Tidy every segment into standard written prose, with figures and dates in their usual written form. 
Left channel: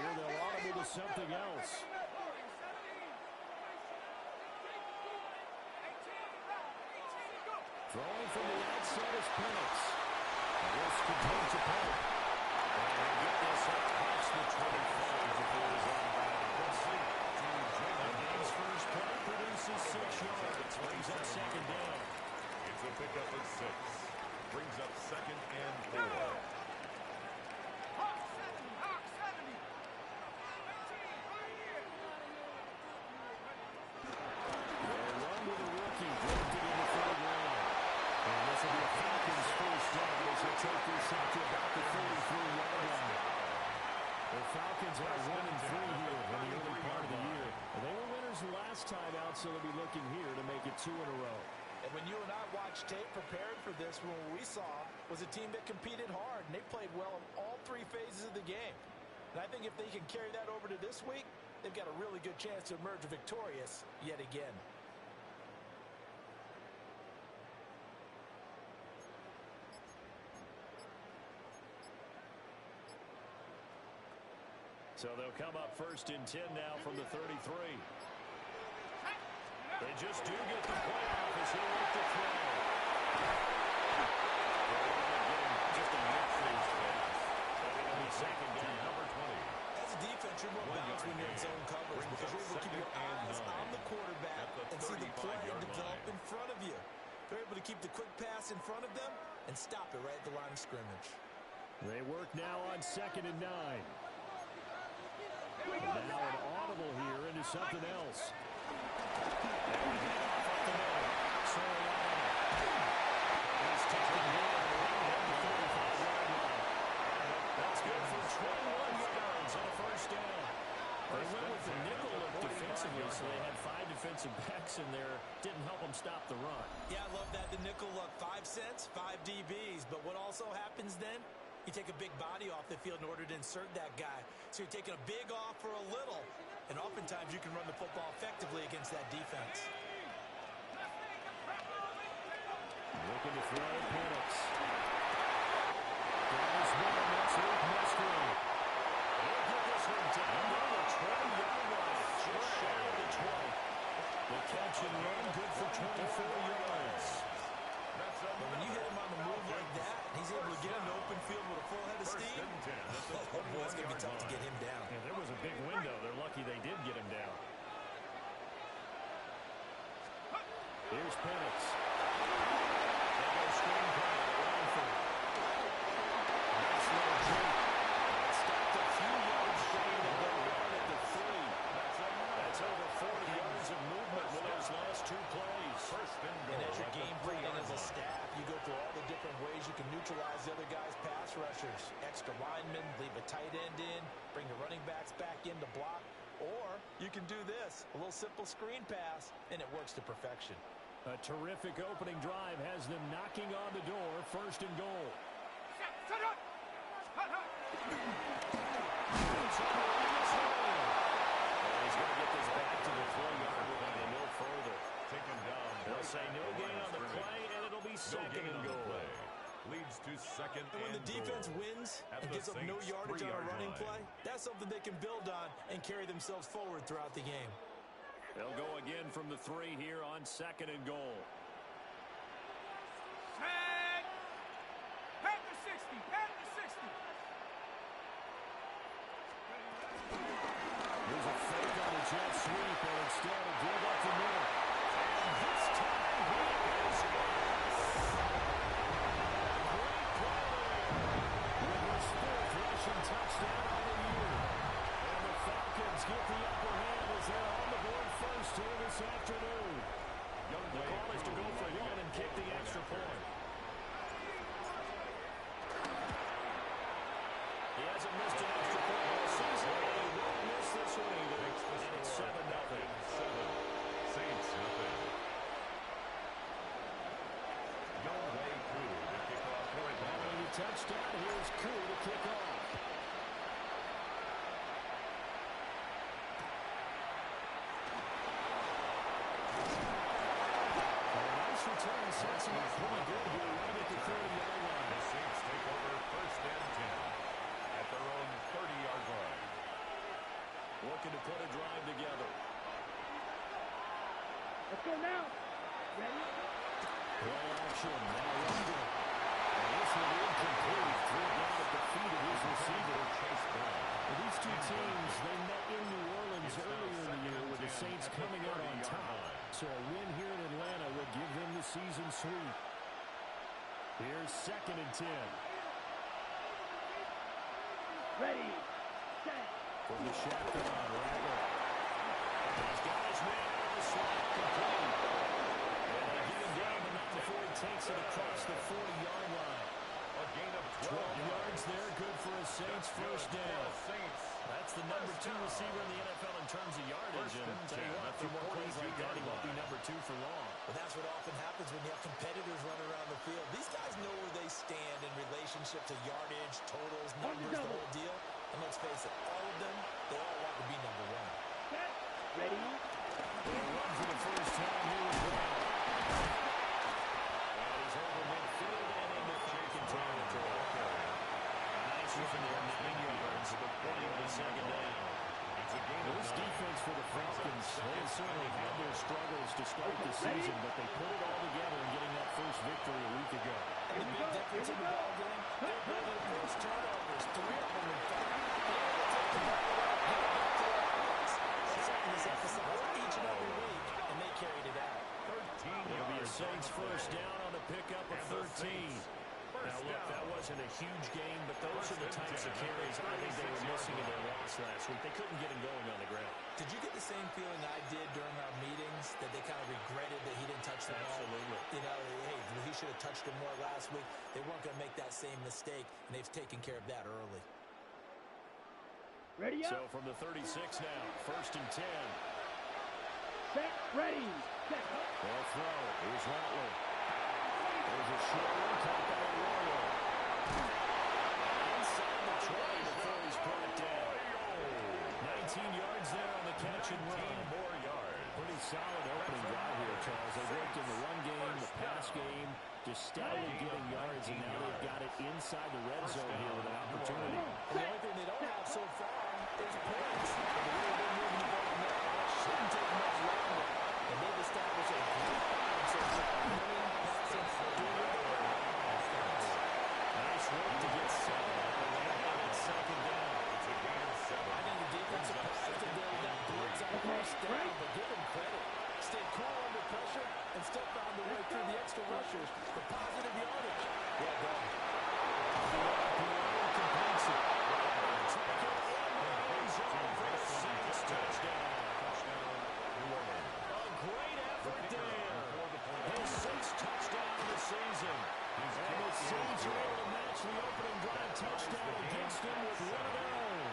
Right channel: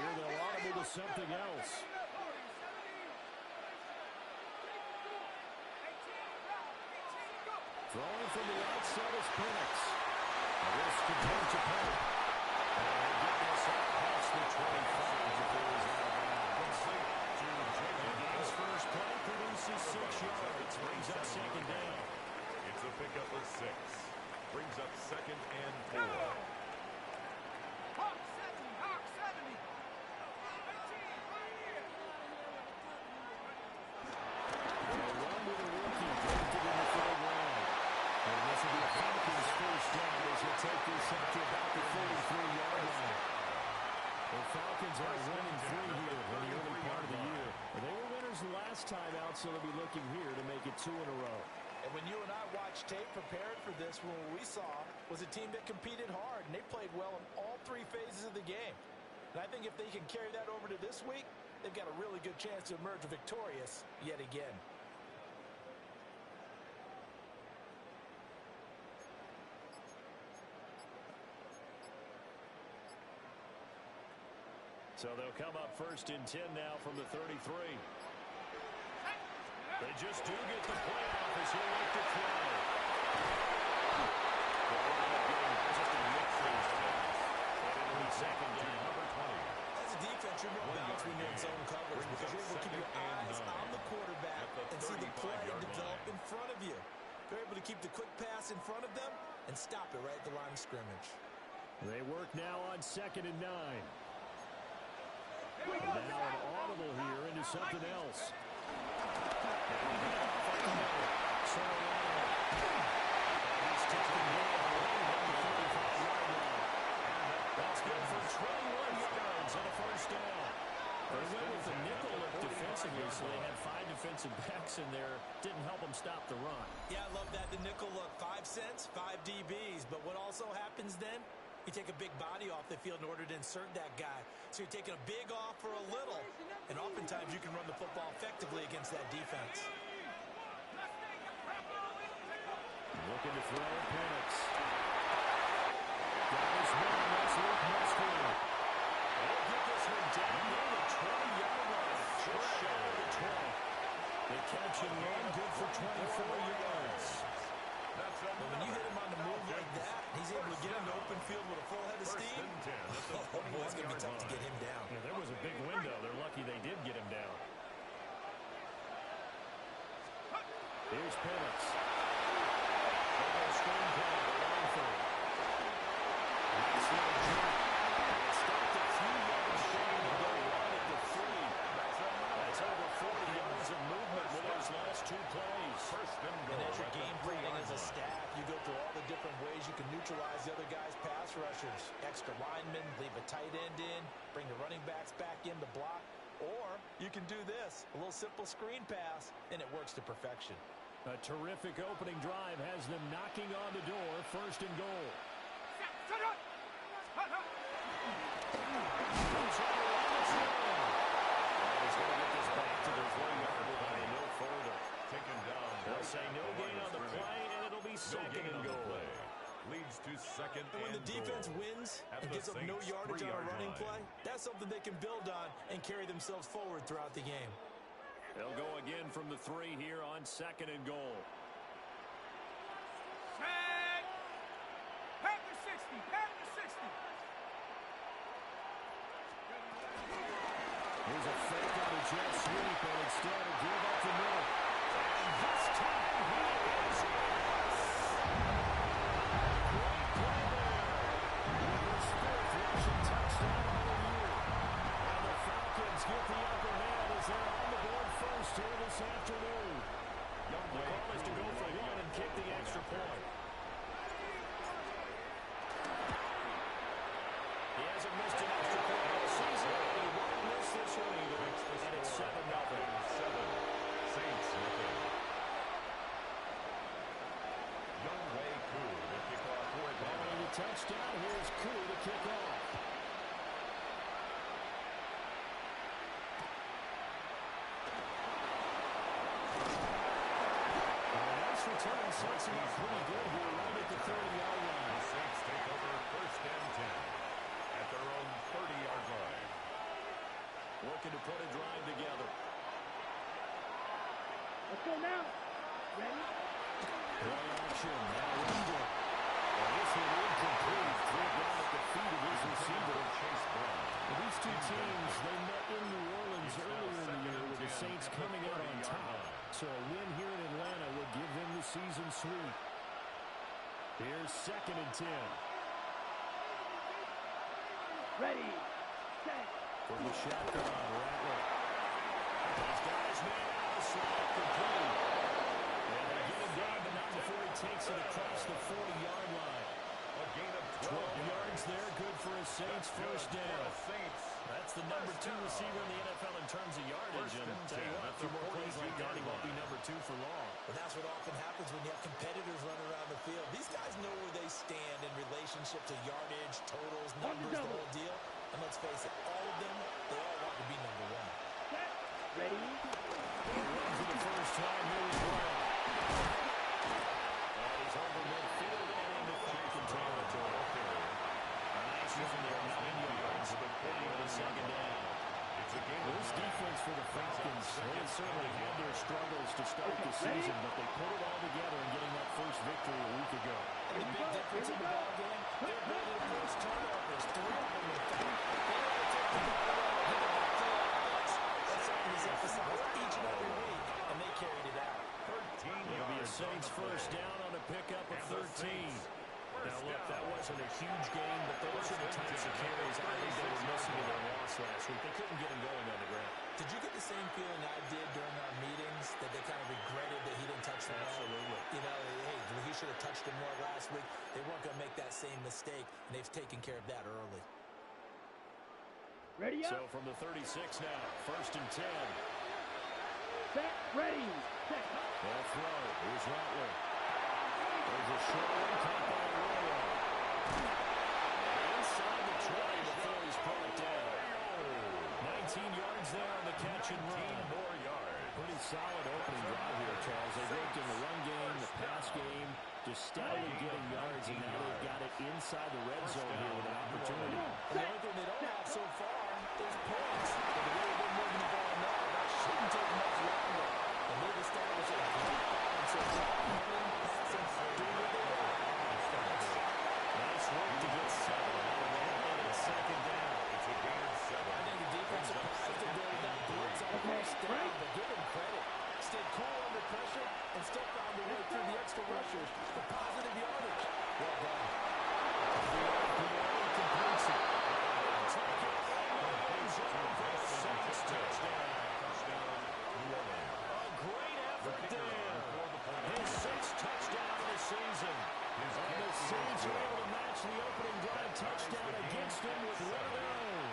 here. They'll audible to something else. Throwing from the outside is Penix. This continues to punt. And he'll get this up past the 25 before he's out of bounds. The game's first play produces 6 yards. Brings up second down. It's a pickup of 6. Brings up second and 4. Hawk 70, Hawk 70. 18, right here. They'll run with a rookie drafted in the 3rd round. And this will be a Falcons first down as he'll take this out to about the 33-yard line. The Falcons are 1-3 here in the early part of the year. They were winners last time out, so they'll be looking here to make it 2 in a row. And when you and I watched tape prepared for this, what we saw was a team that competed hard, and they played well in all 3 phases of the game. And I think if they can carry that over to this week, they've got a really good chance to emerge victorious yet again. So they'll come up 1st and 10 now from the 33. They just do get the play off as he'll look to throw. They'll end up getting just a yip for his pass. And it'll be second down. Number 20. As a defense, you're more balanced when you're in zone coverage because you're able to keep your eyes on the quarterback and see the play develop in front of you. They're able to keep the quick pass in front of them and stop it right at the line of scrimmage. They work now on 2nd and 9. And now an audible here into something else. And we head off up the middle. Soriano. And he's taken down around the 45-yard line. That's good for 21 yards and a first down. They went with the nickel look defensively, so they had 5 defensive backs in there. Didn't help them stop the run. Yeah, I love that, the nickel look. 5 cents, 5 DBs. But what also happens then? You take a big body off the field in order to insert that guy. So you're taking a big off for a little. And oftentimes you can run the football effectively against that defense. Looking to throw Penix. Got his one. That's Luke Musgrave. They'll get this one down near the 20-yard line. Just shy of the 20. The catch and run good for 24 yards. But when you hit him on the move like that, he's able to get into open field with a full head of steam. Oh, boy, it's going to be tough to get him down. Yeah, there was a big window. They're lucky they did get him down. Here's Penix. They go screenplay to Langford. Nice little jump. It stopped a few yards short of the run at the 3. That's over 40 yards of movement with those last 2 plays. First and goal. And as you're game planning as a staff, you go through all the different ways you can neutralize the other guy's pass rushers. Extra linemen, leave a tight end in, bring the running backs back in to block. Or you can do this, a little simple screen pass, and it works to perfection. A terrific opening drive has them knocking on the door. 1st and goal. He's going to get this back to the 3-yard line and no further. Taken down. They'll say no gain on the play, and it'll be 2nd and goal. Leads to 2nd and goal. And when the defense wins and gives up no yardage on a running play, that's something they can build on and carry themselves forward throughout the game. They'll go again from the 3 here on 2nd and goal. Set. Panther 60. Panther 60. Here's a fake on a jet sweep, and instead a give up the middle. And this time he is yes! Great play there with his 4th rushing touchdown of the year. And the Falcons get the upper hand as they're on the board first here this afternoon. The call is to go for 1 and kick the extra point. He hasn't missed an extra point all season, and he won't miss this one either. And it's 7-0. 7. Saints nothing. Younghoe Koo to kick off for Atlanta. Following the touchdown, here's Koo to kick off. Return sets him up pretty good here right at the 30-yard line. The Saints take over 1st and 10 at their own 30-yard line. looking to put a drive together. Let's go now. Ready? Play action. Now Ingram. And this one incomplete. Threw it down at the feet of his receiver. Chase Brown. Well, these two teams, they met in New Orleans earlier in the year with the Saints coming out on top. So a win here in Atlanta will give them the season sweep. Here's 2nd and 10. Ready. Set. From the shotgun, Rattler. He's got his man out of the slot, complete. And they get him down, but not before he takes it across the 40-yard line. A gain of 12 yards there, good for a Saints first down. That's the number 2 receiver in the NFL in terms of yardage. And tell you what, a few more plays like that, he won't be number 2 for long. But that's what often happens when you have competitors running around the field. These guys know where they stand in relationship to yardage, totals, numbers, the whole deal. And let's face it, all of them, they all want to be number 1. Set. Ready. Run for the first time here with Brown. And he's over midfield and into Falcon territory. A nice run there, 9 yards. And the second down. This defense for the Falcons, they certainly had their struggles to start the season, but they put it all together in getting that first victory a week ago. And the big difference in the ballgame, their ability to force turnovers, 3 of them in fact. Being able to take the ball away, give it back to their offense. That's something that's emphasized each and every week, and they carried it out. 13 It'll be a Saints first down on a pickup of 13. Now, look, that wasn't a huge game, but those are the types of carries I think they were missing in their loss last week. They couldn't get him going on the ground. Did you get the same feeling I did during our meetings, that they kind of regretted that he didn't touch the ball? Absolutely. You know, hey, he should have touched him more last week. They weren't going to make that same mistake, and they've taken care of that early. Ready up. So from the 36 now, 1st and 10. Set. Ready. Set. They'll throw. Here's Rattler. There's a short one caught by Arroyo. And inside the 20 before he's brought down. 19 yards there on the catch and run. more yards. Pretty solid opening drive here, Charles. They worked in the run game, the pass game, just steadily getting yards, and now they've got it inside the red zone here with an opportunity. And the only thing they don't have so far is points. But the way they're moving the ball now, that shouldn't take much longer. And they've established a great balance so far. Running, passing, doing what they want. Nice work to get 7 out of that, and it's 2nd down. It's a gain of 7. I think the defense surprised them there with that blitz on first down, but give them credit. Stayed cool under pressure and still found a way through the extra rushers for positive yardage. Well done. The RPO completes it. Take it in the end zone for the Saints touchdown. Touchdown, New Orleans. A great effort there. His 6th touchdown of the season. And the Saints are able to match the opening drive touchdown against him with one of their own.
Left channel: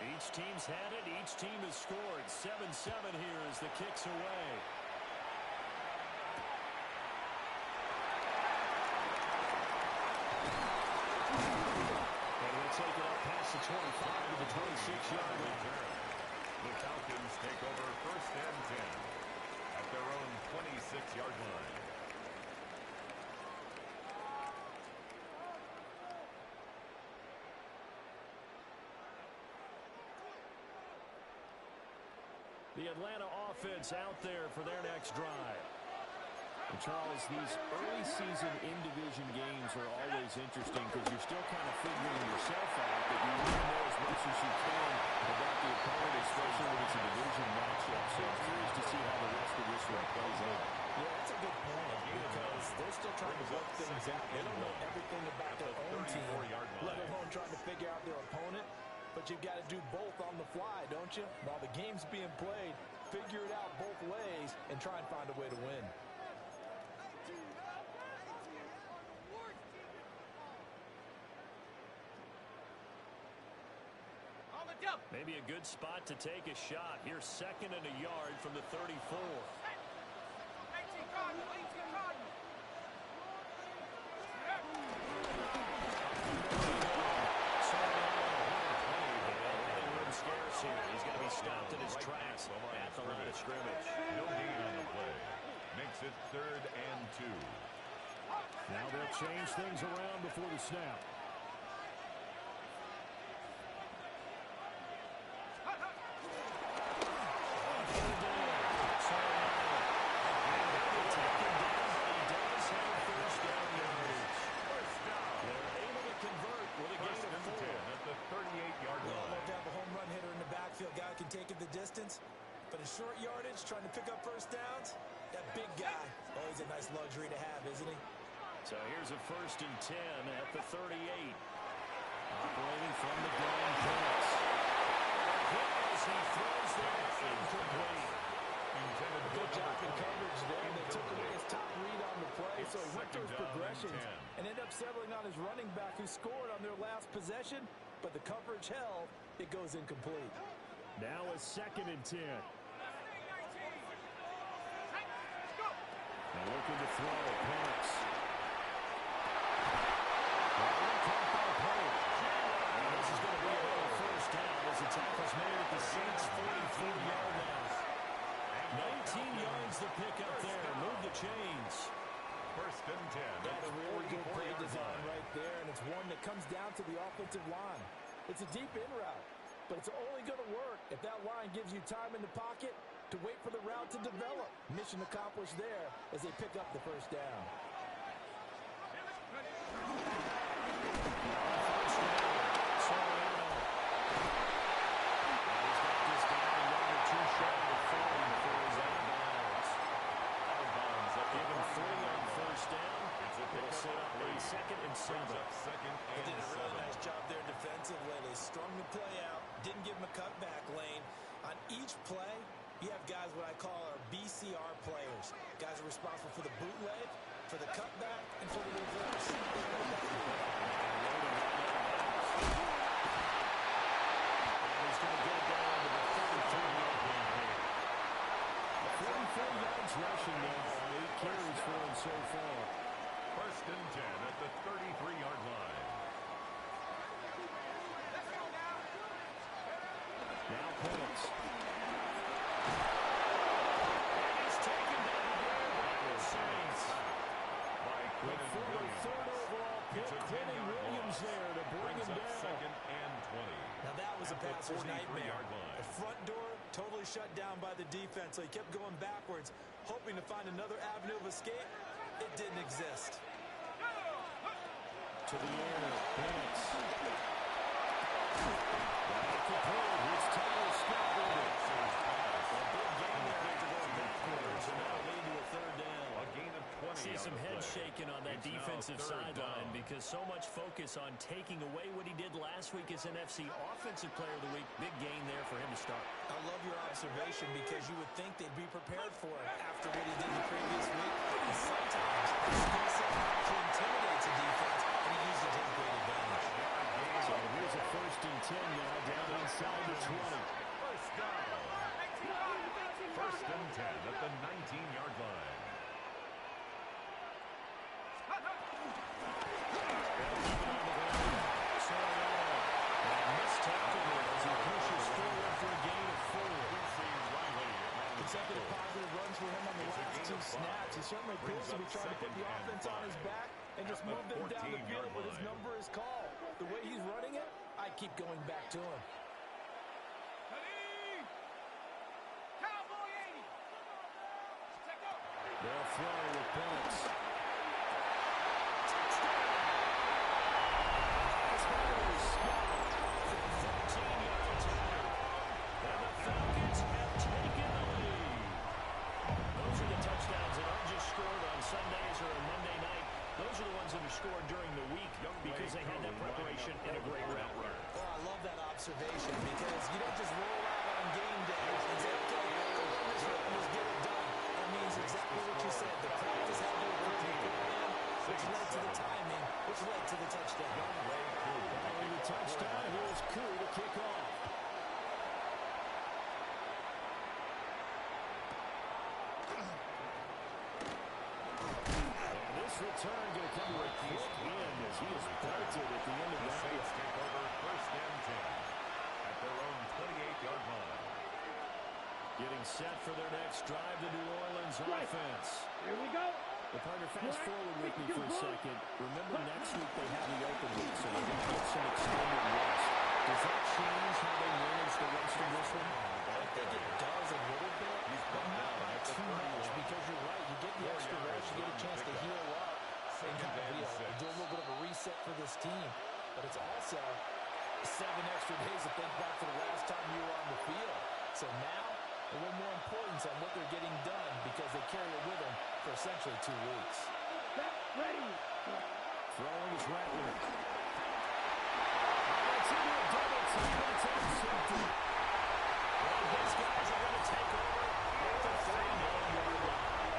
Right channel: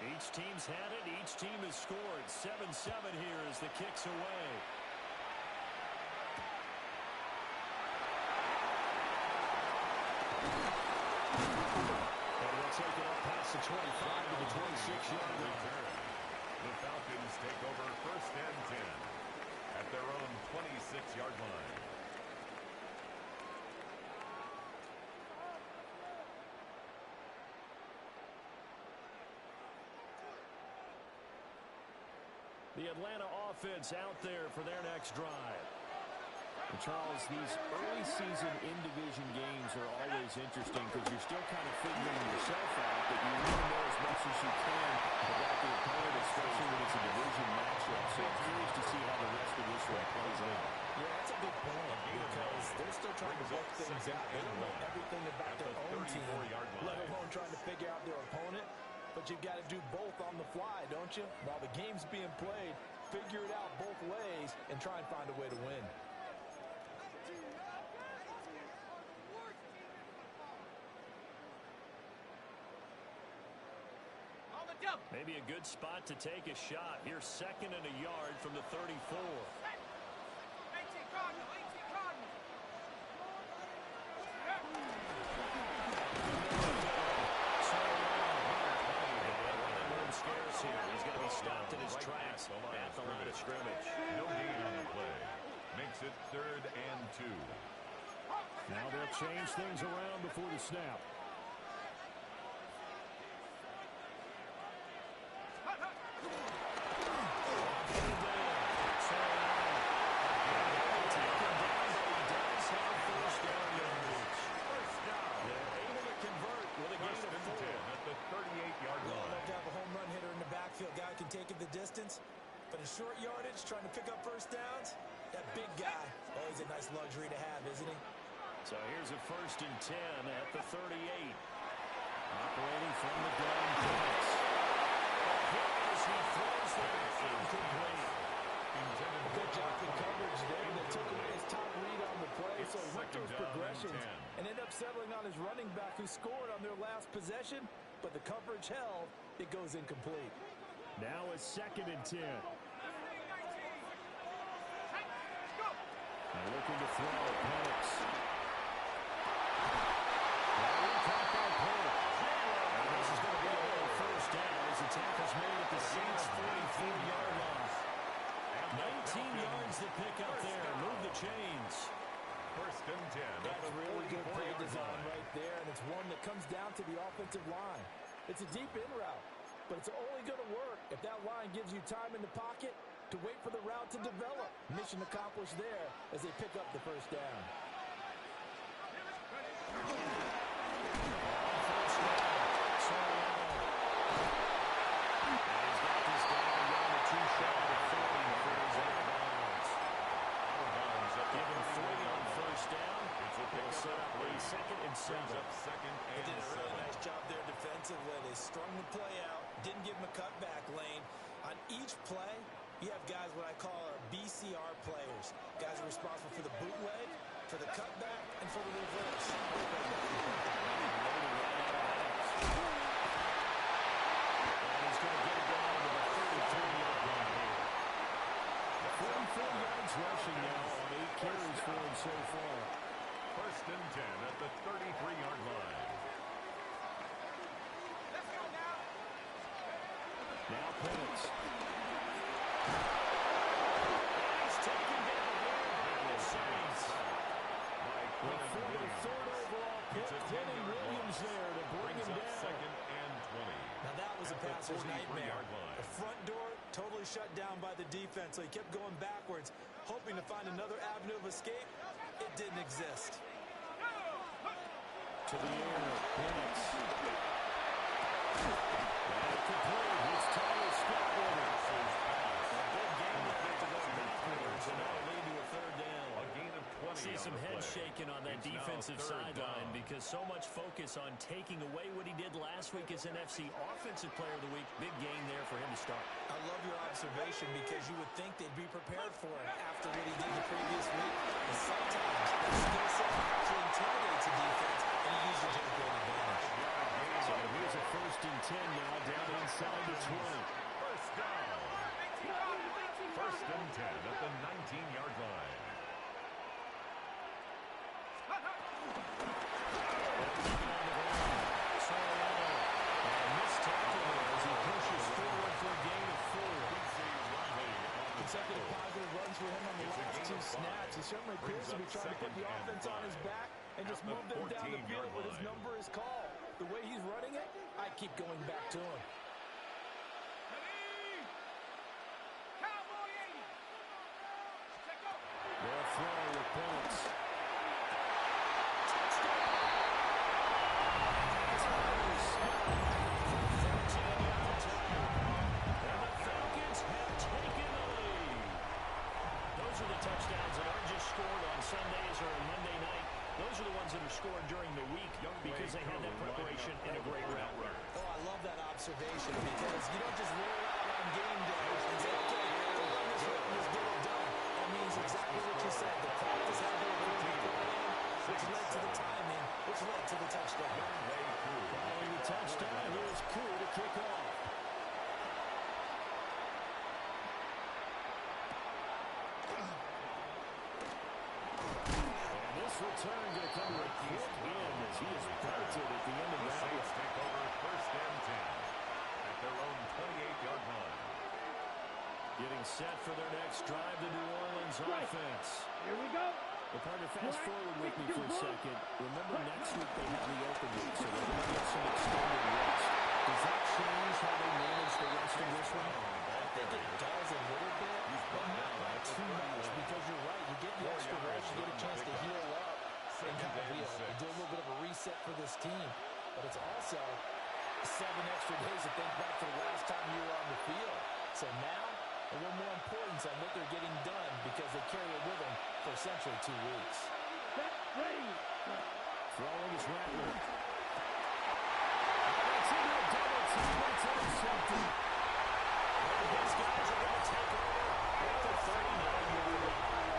Each team's had it. Each team has scored. 7-7 here as the kick's away. And we'll take it up past the 25 to the 26-yard line. The Falcons take over 1st and 10 at their own 26-yard line. The Atlanta offense out there for their next drive. And Charles, these early season in-division games are always interesting because you're still kind of figuring yourself out, but you want to know as much as you can about the opponent, especially when it's a division matchup. So I'm curious to see how the rest of this one plays out. Yeah, that's a good point because they're still trying to work things out. They don't know everything about their own team, let alone trying to figure out their opponent. But you've got to do both on the fly, don't you? While the game's being played, figure it out both ways and try and find a way to win. Maybe a good spot to take a shot. Here's 2nd and a yard from the 34. stopped in his tracks at the line of scrimmage. No gain on the play. Makes it 3rd and 2. Now they'll change things around before the snap. Guy can take it the distance, but in short yardage, trying to pick up first downs, that big guy, always a nice luxury to have, isn't he? So here's a 1st and 10 at the 38. Operating from the gun, Penix. A hit as he throws there, incomplete. Good job in coverage there. They took away his top read on the play, so he went to his progressions and ended up settling on his running back who scored on their last possession, but the coverage held. It goes incomplete. Now a 2nd and 10. Now looking to throw, Penix. Caught by Pope. And this is going to be another 1st down as the tackle's made at the Saints' 44-yard line. 19 yards the pick up there. Move the chains. 1st and 10. That's really good play design right there, and it's one that comes down to the offensive line. It's a deep in route, but it's only going to work if that line gives you time in the pocket to wait for the route to develop. Mission accomplished there as they pick up the 1st down. Soriano. And he's got this down a yard or 2 shy of 40 before he's out of bounds. Out of bounds. Give him 3 on 1st down. It'll set up a 2nd and 7. They did a really nice job there defensively. They strung the play out, didn't give him a cutback lane. On each play, you have guys what I call our BCR players. Guys are responsible for the bootleg, for the cutback, and for the reverse. Loaded right out of bounds. And he's going to get it down to the 33-yard line here. 44 yards rushing now on 8 carries for him so far. 1st and 10 at the 33-yard line. Let's go now. Now Penix. And he's taken down here by the Saints. By The former Williams. 3rd overall pick, It's a Quentin 10-yard Williams loss. there to bring Brings him up down. 2nd and 20. Now that was a At the passer's 43-yard nightmare. line. The front door totally shut down by the defense, so he kept going backwards, hoping to find another avenue of escape. It didn't exist. To the air, Penix. Got it complete. It's Tyler Scott with it. A big game there to go backwards, and that'll lead to a 3rd down. A gain of 20. See some head shaking on that It's now defensive 3rd sideline down. because so much focus on taking away what he did last week as NFC Offensive Player of the Week. Big gain there for him to start. I love your observation because you would think they'd be prepared for it after what he did the previous week. And sometimes that skill set actually intimidates a defense, and he used it to his great advantage. So here's a 1st and 10 now down inside the 20. 1st down. 1st and 10 at the 19-yard line. They'll keep it on the ground. Soriano. And a missed tackle there as he pushes forward for a gain of 4. Consecutive positive runs for him on the last 2 snaps. He certainly appears to be trying to put the offense on his back and just move them down the field when his number is called. The way he's running it, I keep going back to him. Ready? Cowboy 80. Check out. They'll throw with Penix. Touchdowns that aren't just scored on Sundays or on Monday night. Those are the ones that are scored during the week because they had that preparation and a great route runner. Oh, I love that observation because you don't just roll out on game day and say, okay, go run this route and just get it done. That means exactly what you said. The practice had to occur beforehand, which led to the timing, which led to the touchdown. Following the touchdown, here's Koo to kick off. Return going to come to a quick end as he is belted at the end of The that. Saints take over 1st and 10 at their own 28-yard line. Getting set for their next drive, the New Orleans offense. Here we go. Well, partner, fast forward with me for a second. Remember, next week they have the open week, so they're going to get some extended rest. Does that change how they manage the rest of this one? I think it does a little bit, but not by too much, because you're right. You get the extra rest, you get a chance to heal up, and kind of, do a little bit of a reset for this team. But it's also 7 extra days to think back to the last time you were on the field. So now, a little more importance on what they're getting done because they carry it with them for essentially 2 weeks. Set, ready. Throwing is Rattler. That's into a double team. That's intercepted. Well, his guys are going to take over at the 39-yard line.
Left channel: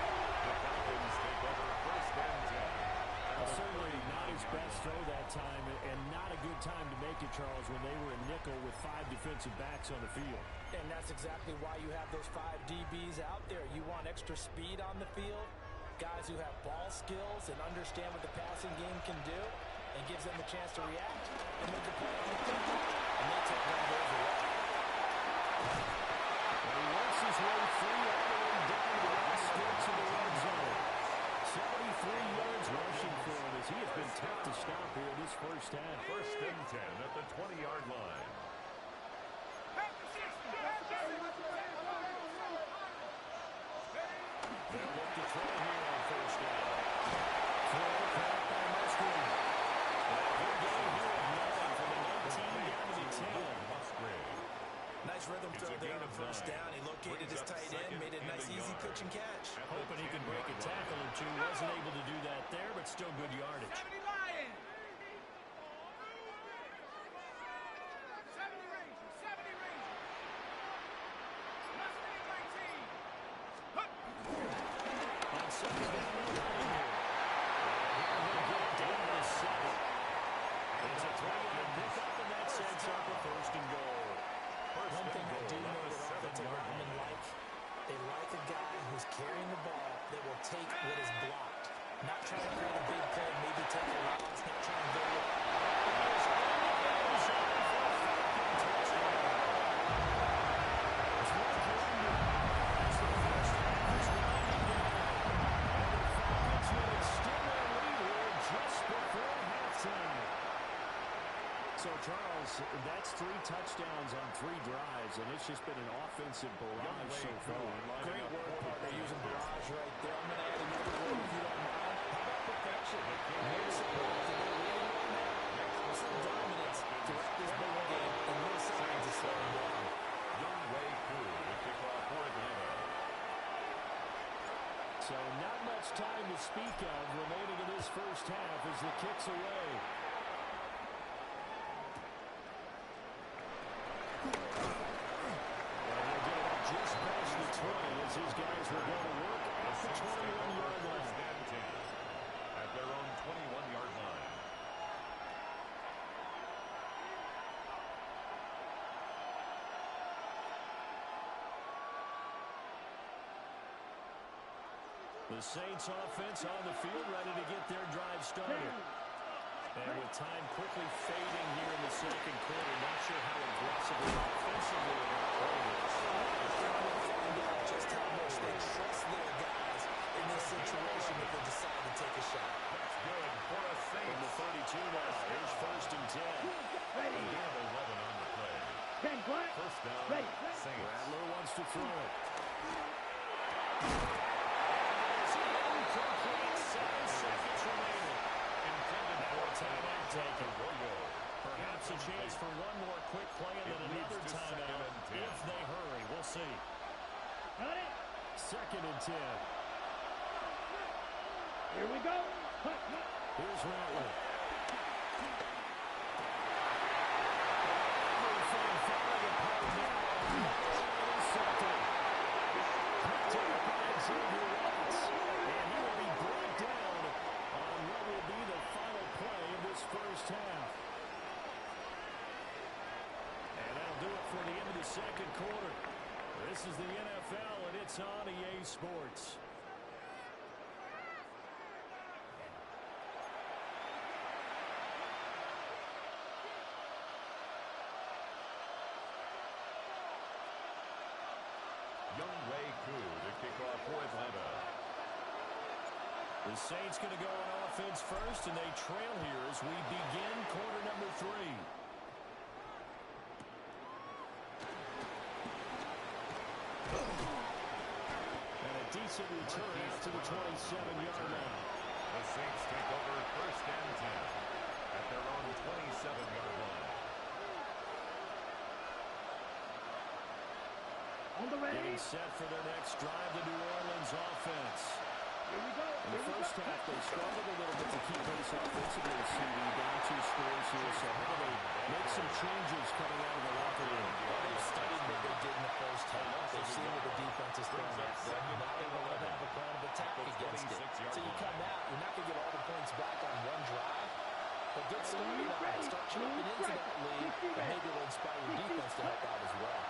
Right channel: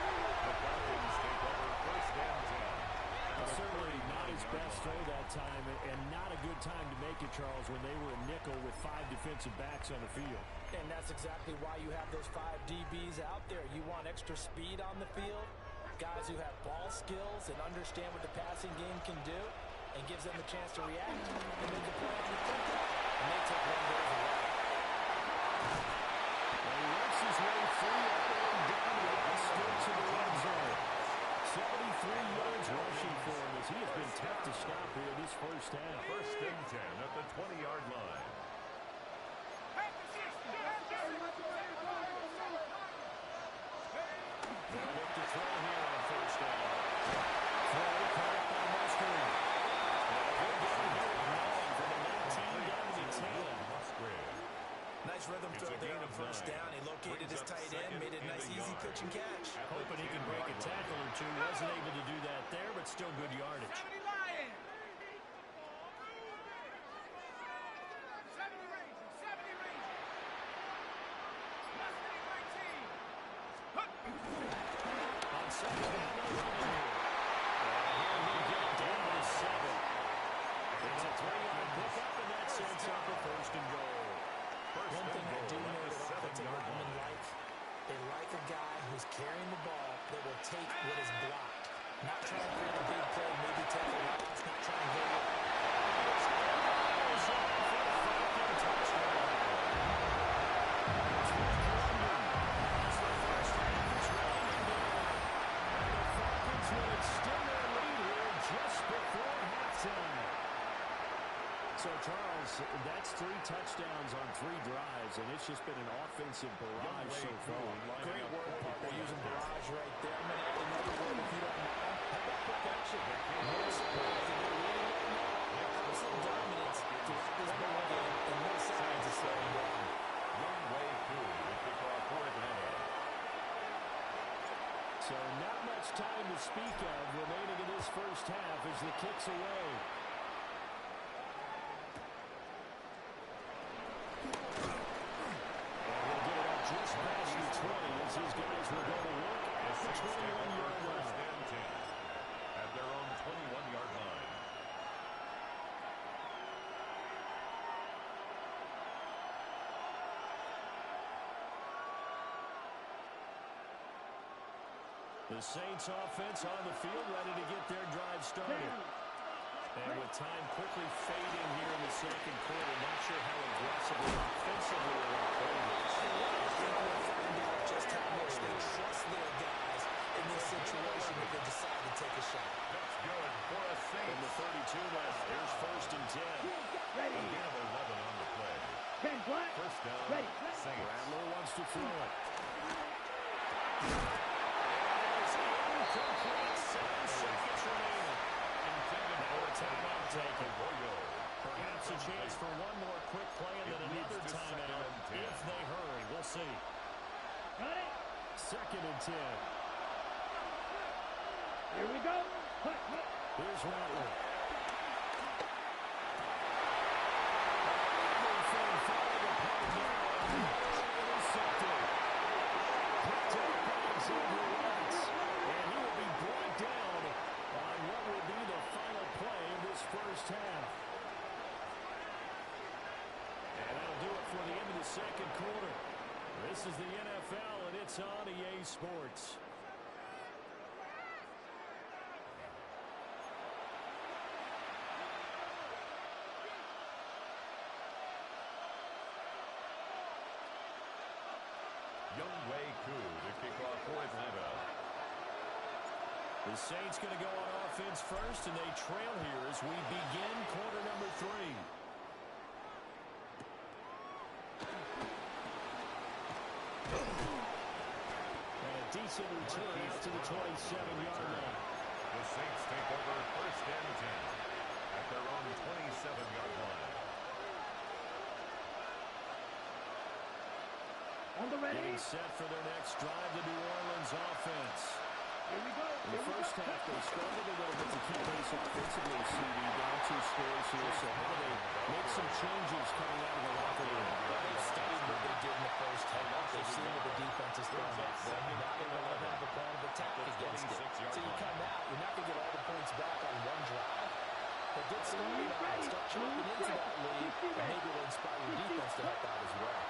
The Falcons take over first and 10. Certainly not his best throw that time, and not a good time to make it, Charles, when they were a nickel with 5 defensive backs on the field. And that's exactly why you have those 5 DBs out there. You want extra speed on the field, guys who have ball skills and understand what the passing game can do, and gives them the chance to react and make the play on the football. And they take one goes away. Well, he works his way free all the way down to the outskirts of the red zone. 73 yards rushing for him as he has been tough to stop here this first half. First and 10 at the 20-yard line. They'll look to throw here on first down. Throw caught by Musgrave. And a good game here with 9 from the 19 down to the 10. Musgrave. Nice rhythm throw there on first down. He located his tight end, made it a nice, easy pitch and catch. Hoping he can break a tackle or two. Wasn't able to do that there, but still good yardage. 70 Lions. 70 Rangers. 70 Rangers. Mustang 19. On second down, no running here. And here we get it down to 7. It's a 3-yard pickup, and that sets up a first and goal. One thing I do know that offensive linemen like, they like a guy who's carrying the ball that will take what is blocked. Not trying to create a big play, maybe take a loss, not trying to go with So, Charles, that's 3 touchdowns on 3 drives, and it's just been an offensive barrage so far. Great word, partner, using barrage right there. I'm going to add another word if you don't mind. How about perfection? No surprise that they're leading right now. Some dominance throughout this ball game, and no signs of slowing down. Young Wei Koo to kick off for Atlanta. So not much time to speak of remaining in this first half as the kick's away. Just past the 20 as his guys will go to work at the 21-yard line. First and 10 at their own 21-yard line. The Saints offense on the field ready to get their drive started. And with time quickly fading here in the second quarter, not sure how aggressively offensively they want to play this. I think we'll find out just how much they trust their guys in this situation if they decide to take a shot. That's good for a Saints. From the 32 now, here's first and 10. Ready. Gain of 11 on the play. 10 black. First down, Ready. Saints. Rattler wants to throw it. And it's incomplete. 7 seconds remaining. Intended Now for a timeout taken. Arroyo. Perhaps a chance for one more quick play and then another leads to second timeout and 10. if they hurry. We'll see. Got it. Second and 10. Here we go. Hut, hut. Here's Rattler. Everything falling apart now. Intercepted. Picked up by Xavier Watts. And he will be brought down on what will be the final play of this first half. And that'll do it for the end of the second quarter. This is the NFL, and it's on EA Sports. to kick off for Atlanta. The Saints going to go on offense first, and they trail here as we begin quarter number 3. And a decent return out to the 27-yard line. The Saints take over first and 10 at their own 27-yard line. Getting set for their next drive, the New Orleans offense. Here we go. In the first half, they struggled a little bit to keep pace offensively, CD, down 2 scores here. So how do they make some changes coming out of the locker room? Well, they've studied what they did in the first half. They've seen what the defense is throwing at them. Now they will have a plan of attack against it. So you come out, you're not going to get all the points back on one drive. But get started on it. Start chopping into that lead, and maybe it'll inspire your defense to help out as well.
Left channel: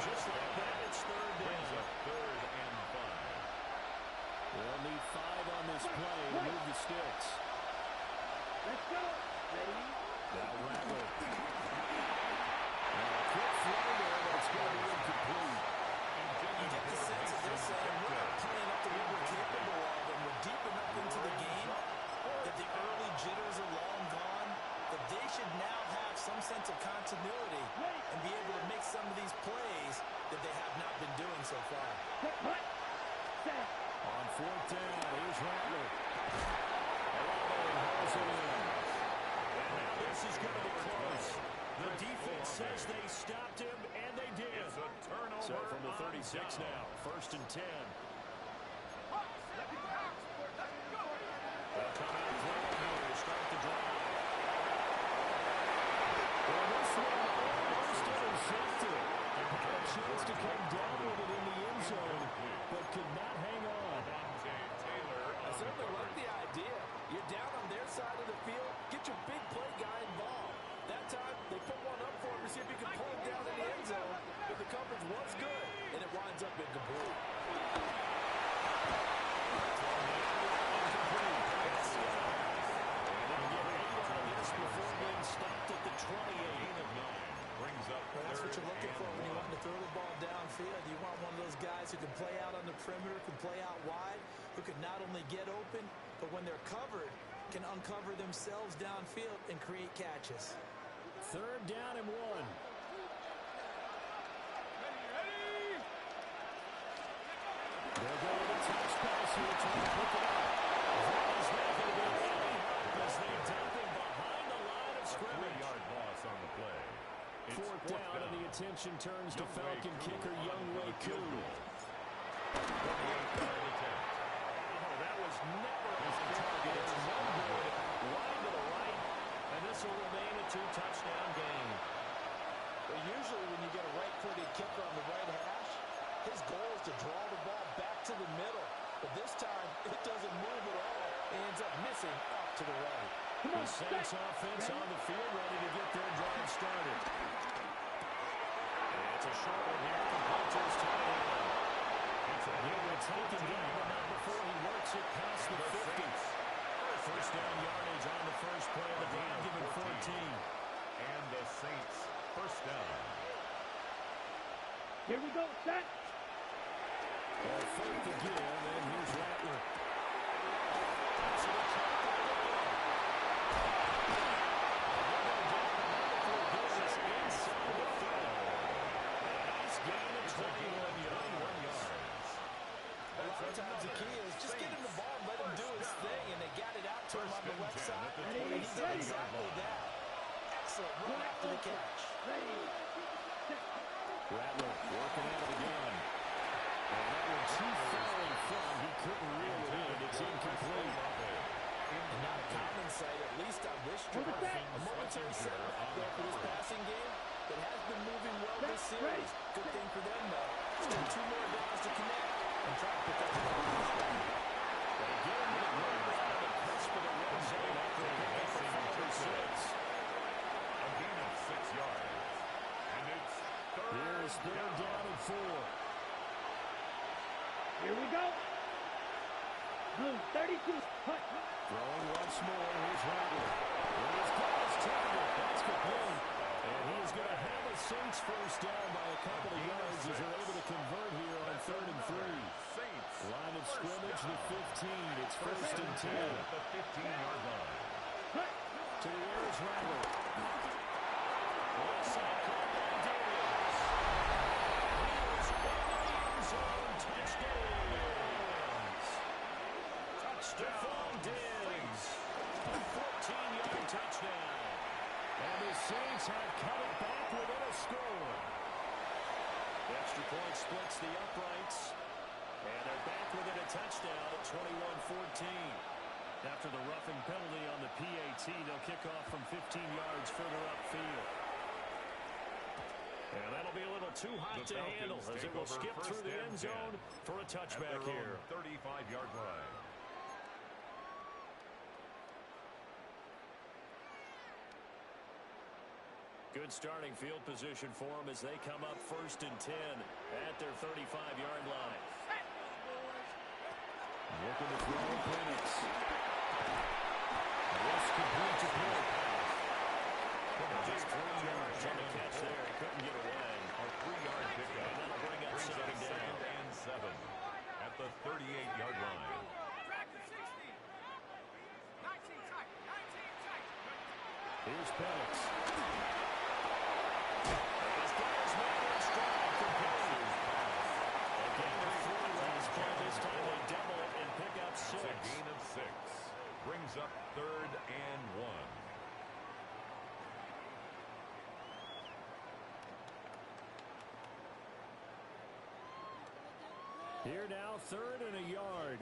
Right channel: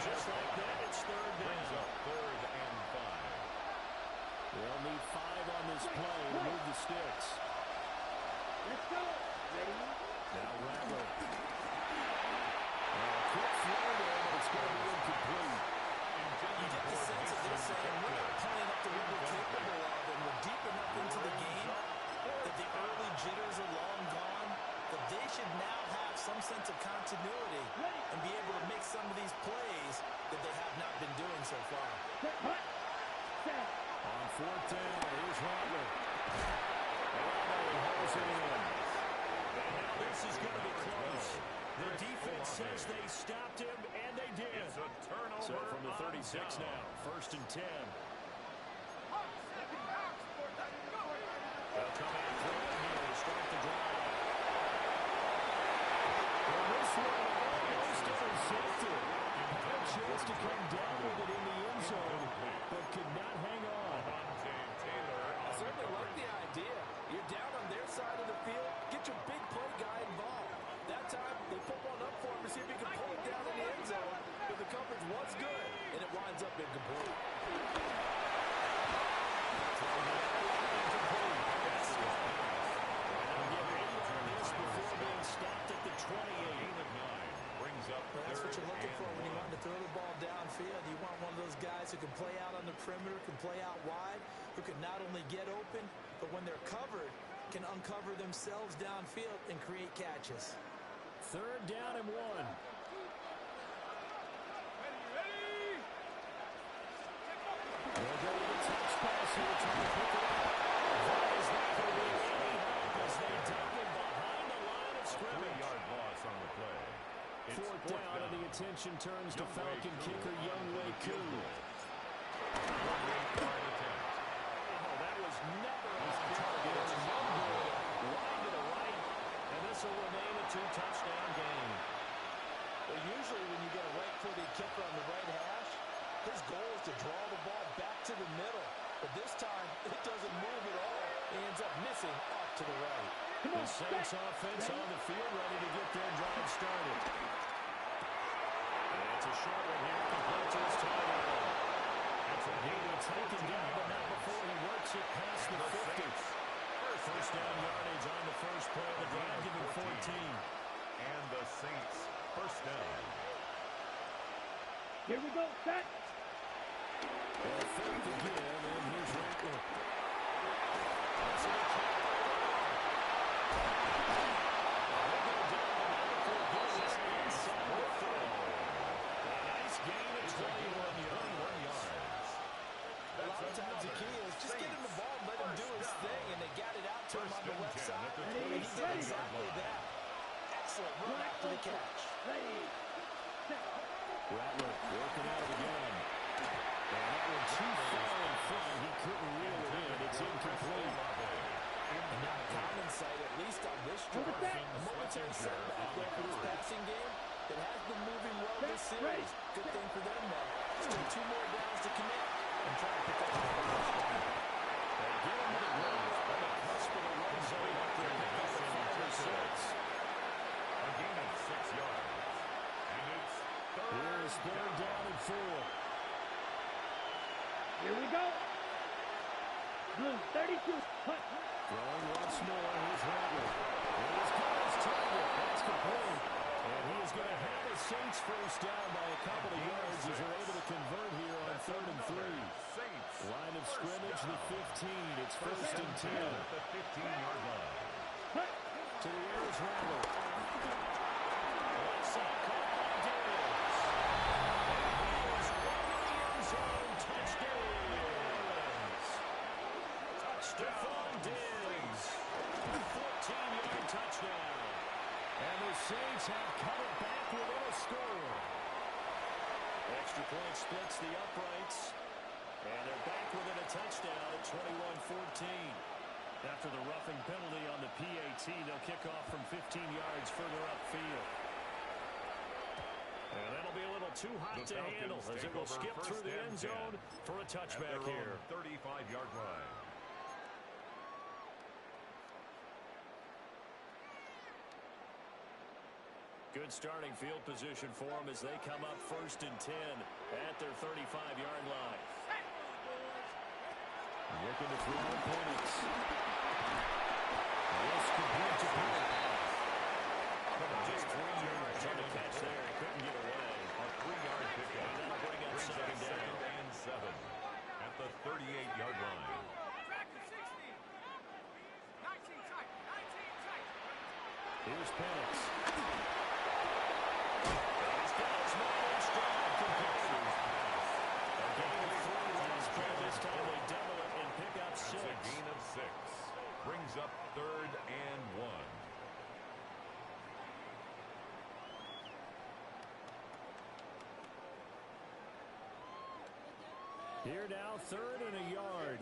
Just like that, it's third down. Brings up 3rd and 5. They'll need 5 on this play to move the sticks. Let's go. Ready? Now Rattler. Now a quick flow there, but it's going to be incomplete. You get the sense that they're saying we're not playing up to what we're capable of, and we're deep enough into the game that the early jitters are long gone, that they should now have some sense of continuity and be able to make some of these plays that they have not been doing so far. On 4th down, here's Rattler. Olave holds it in. And now this is going to be close. The defense says they stopped him, and they did. It's a turnover. So from the 36 now, 1st and 10. They'll come out throwing here to start the drive. Well, this one almost intercepted. Had a chance to come down with it in the end zone, but could not hang on. I certainly like the idea. You're down on their side of the field. Get your big play guy involved. That time, they put one up for him to see if he can pull it down in the end zone. But the coverage was good, and it winds up incomplete. Incomplete. That's and they'll get 8 on this before being stopped at the 28. Gain of 9 brings up Well, that's what you're looking for when you 1. want to throw the ball downfield. You want one of those guys who can play out on the perimeter, can play out wide, who can not only get open, but when they're covered, can uncover themselves downfield and create catches. 3rd down and 1. Ready? They'll go with a touch pass here, trying to pick it up. That is not going to be any help as they dump him behind the line of scrimmage. 3-yard loss on the play. It's 4th down, and the attention turns to Falcon kicker Younghoe Koo. 28-yard attempt. Oh, that was never on target. It's no good. Wide to the right, and this will remain a 2-touchdown game. But usually when you get a right-footed kicker on the right hash, his goal is to draw the ball back to the middle. But this time, it doesn't move at all. He ends up missing off to the right. The Saints offense on the field, ready to get their drive started. And it's a short one here, complete to his tight end. He will take him down, but not before he works it past the 50. First down yardage on the first play of the drive, giving 14. And the Saints first down. Here we go. Set. 4th to give, and here's Rattler. That's it, inside the throw. A nice gain of 21 yards. A lot of times the key is just get him the ball and let him do his thing, and they got it out to him on the left side, and he did exactly that. Excellent run after the catch. Ready. Rattler working out of the gun. And that one too far in front. He couldn't reel it in. It's incomplete. And not a common sight, at least on this drive. A momentary setback there for this passing game that has been moving well this series. Good thing for them, though. Still 2 more downs to connect and try to pick up another touchdown. They get him to the ground on the cusp of the red zone after a pickup for 5 or 6. A gain of 6 yards. And it's Here's 3rd down and 4. Here we go. Throwing once more. Here's Rattler. He's got his target. That's complete. And he is going to have a Saints first down by a couple of yards as they're able to convert here on 3rd and 3. Line of scrimmage, the 15. It's 1st and 10. At the 15-yard line. To the air is Rattler. Left side caught by Diggs. And he is into the end zone. Touchdown. Touchdown, Diggs. A 14-yard touchdown. And the Saints have cut it back within a score. The extra point splits the uprights. And they're back within a touchdown at 21-14. After the roughing penalty on the PAT, they'll kick off from 15 yards further upfield. And that'll be a little too hot to handle as it will skip through the end zone for a touchback here. 35-yard line. Good starting field position for them as they come up 1st and 10 at their 35-yard line. Looking to throw Penix. This complete to Penix. Just 3 yards on the catch there. He couldn't get away. A 3-yard pickup. And that'll bring up second down. 2nd and 7 at the 38-yard line. Here's Penix. He's got his man in stride. Complete. A gain of 3 last play. This time they double it and pick up 6. It's a gain of 6. Brings up 3rd and 1. Here now, 3rd and a yard.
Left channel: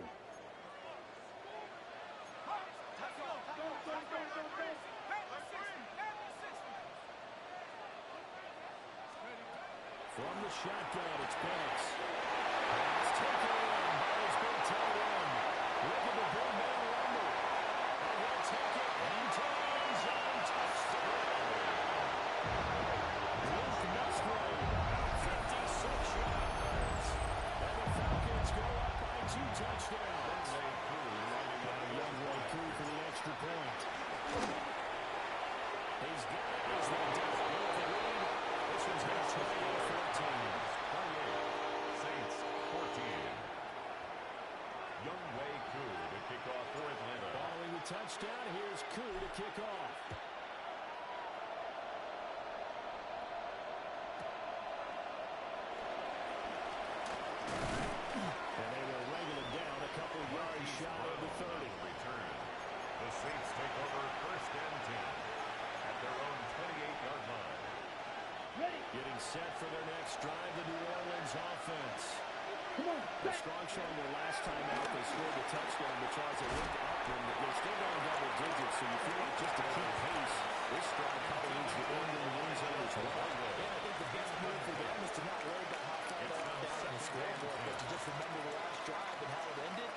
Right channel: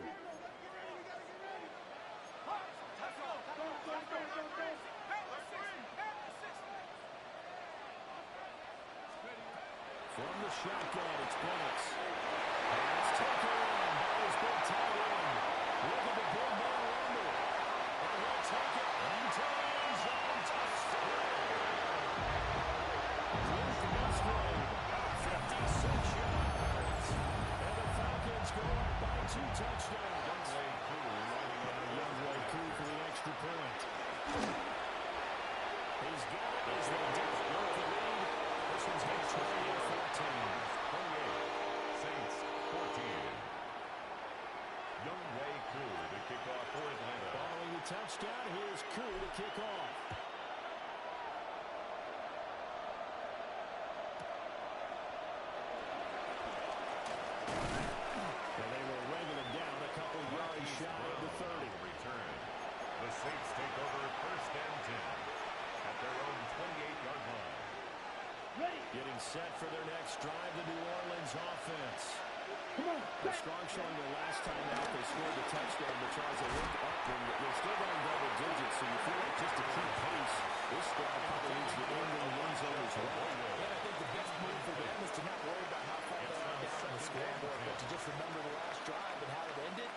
From the shotgun, it's Penix. And it's taken in by his big tight end. Look at the big man rumble. And he'll take it into the end zone. Touchdown. Luke Musgrave, 56 yards. And the Falcons go up by 2 touchdowns. Young Way Koo for the extra point. He's got it as they double the lead. This one's got 28-14. 28. Saints 14. Young Way Koo to kick off for Atlanta. Following the touchdown, here's Koo to kick off. And they will wrangle it down a couple yards shy of the 30. Return. The Saints take over 1st and 10 at their own 28-yard line. Getting set for their next drive, the New Orleans offense. Strong showing their last time out. They scored the touchdown, but Charles, they looked up and they're still going double digits, so you feel like just to keep pace, this drive probably needs to end in the end zone as well. And I think the best move for them is to not worry about how far they are down on the scoreboard, but to just remember the last drive and how it ended.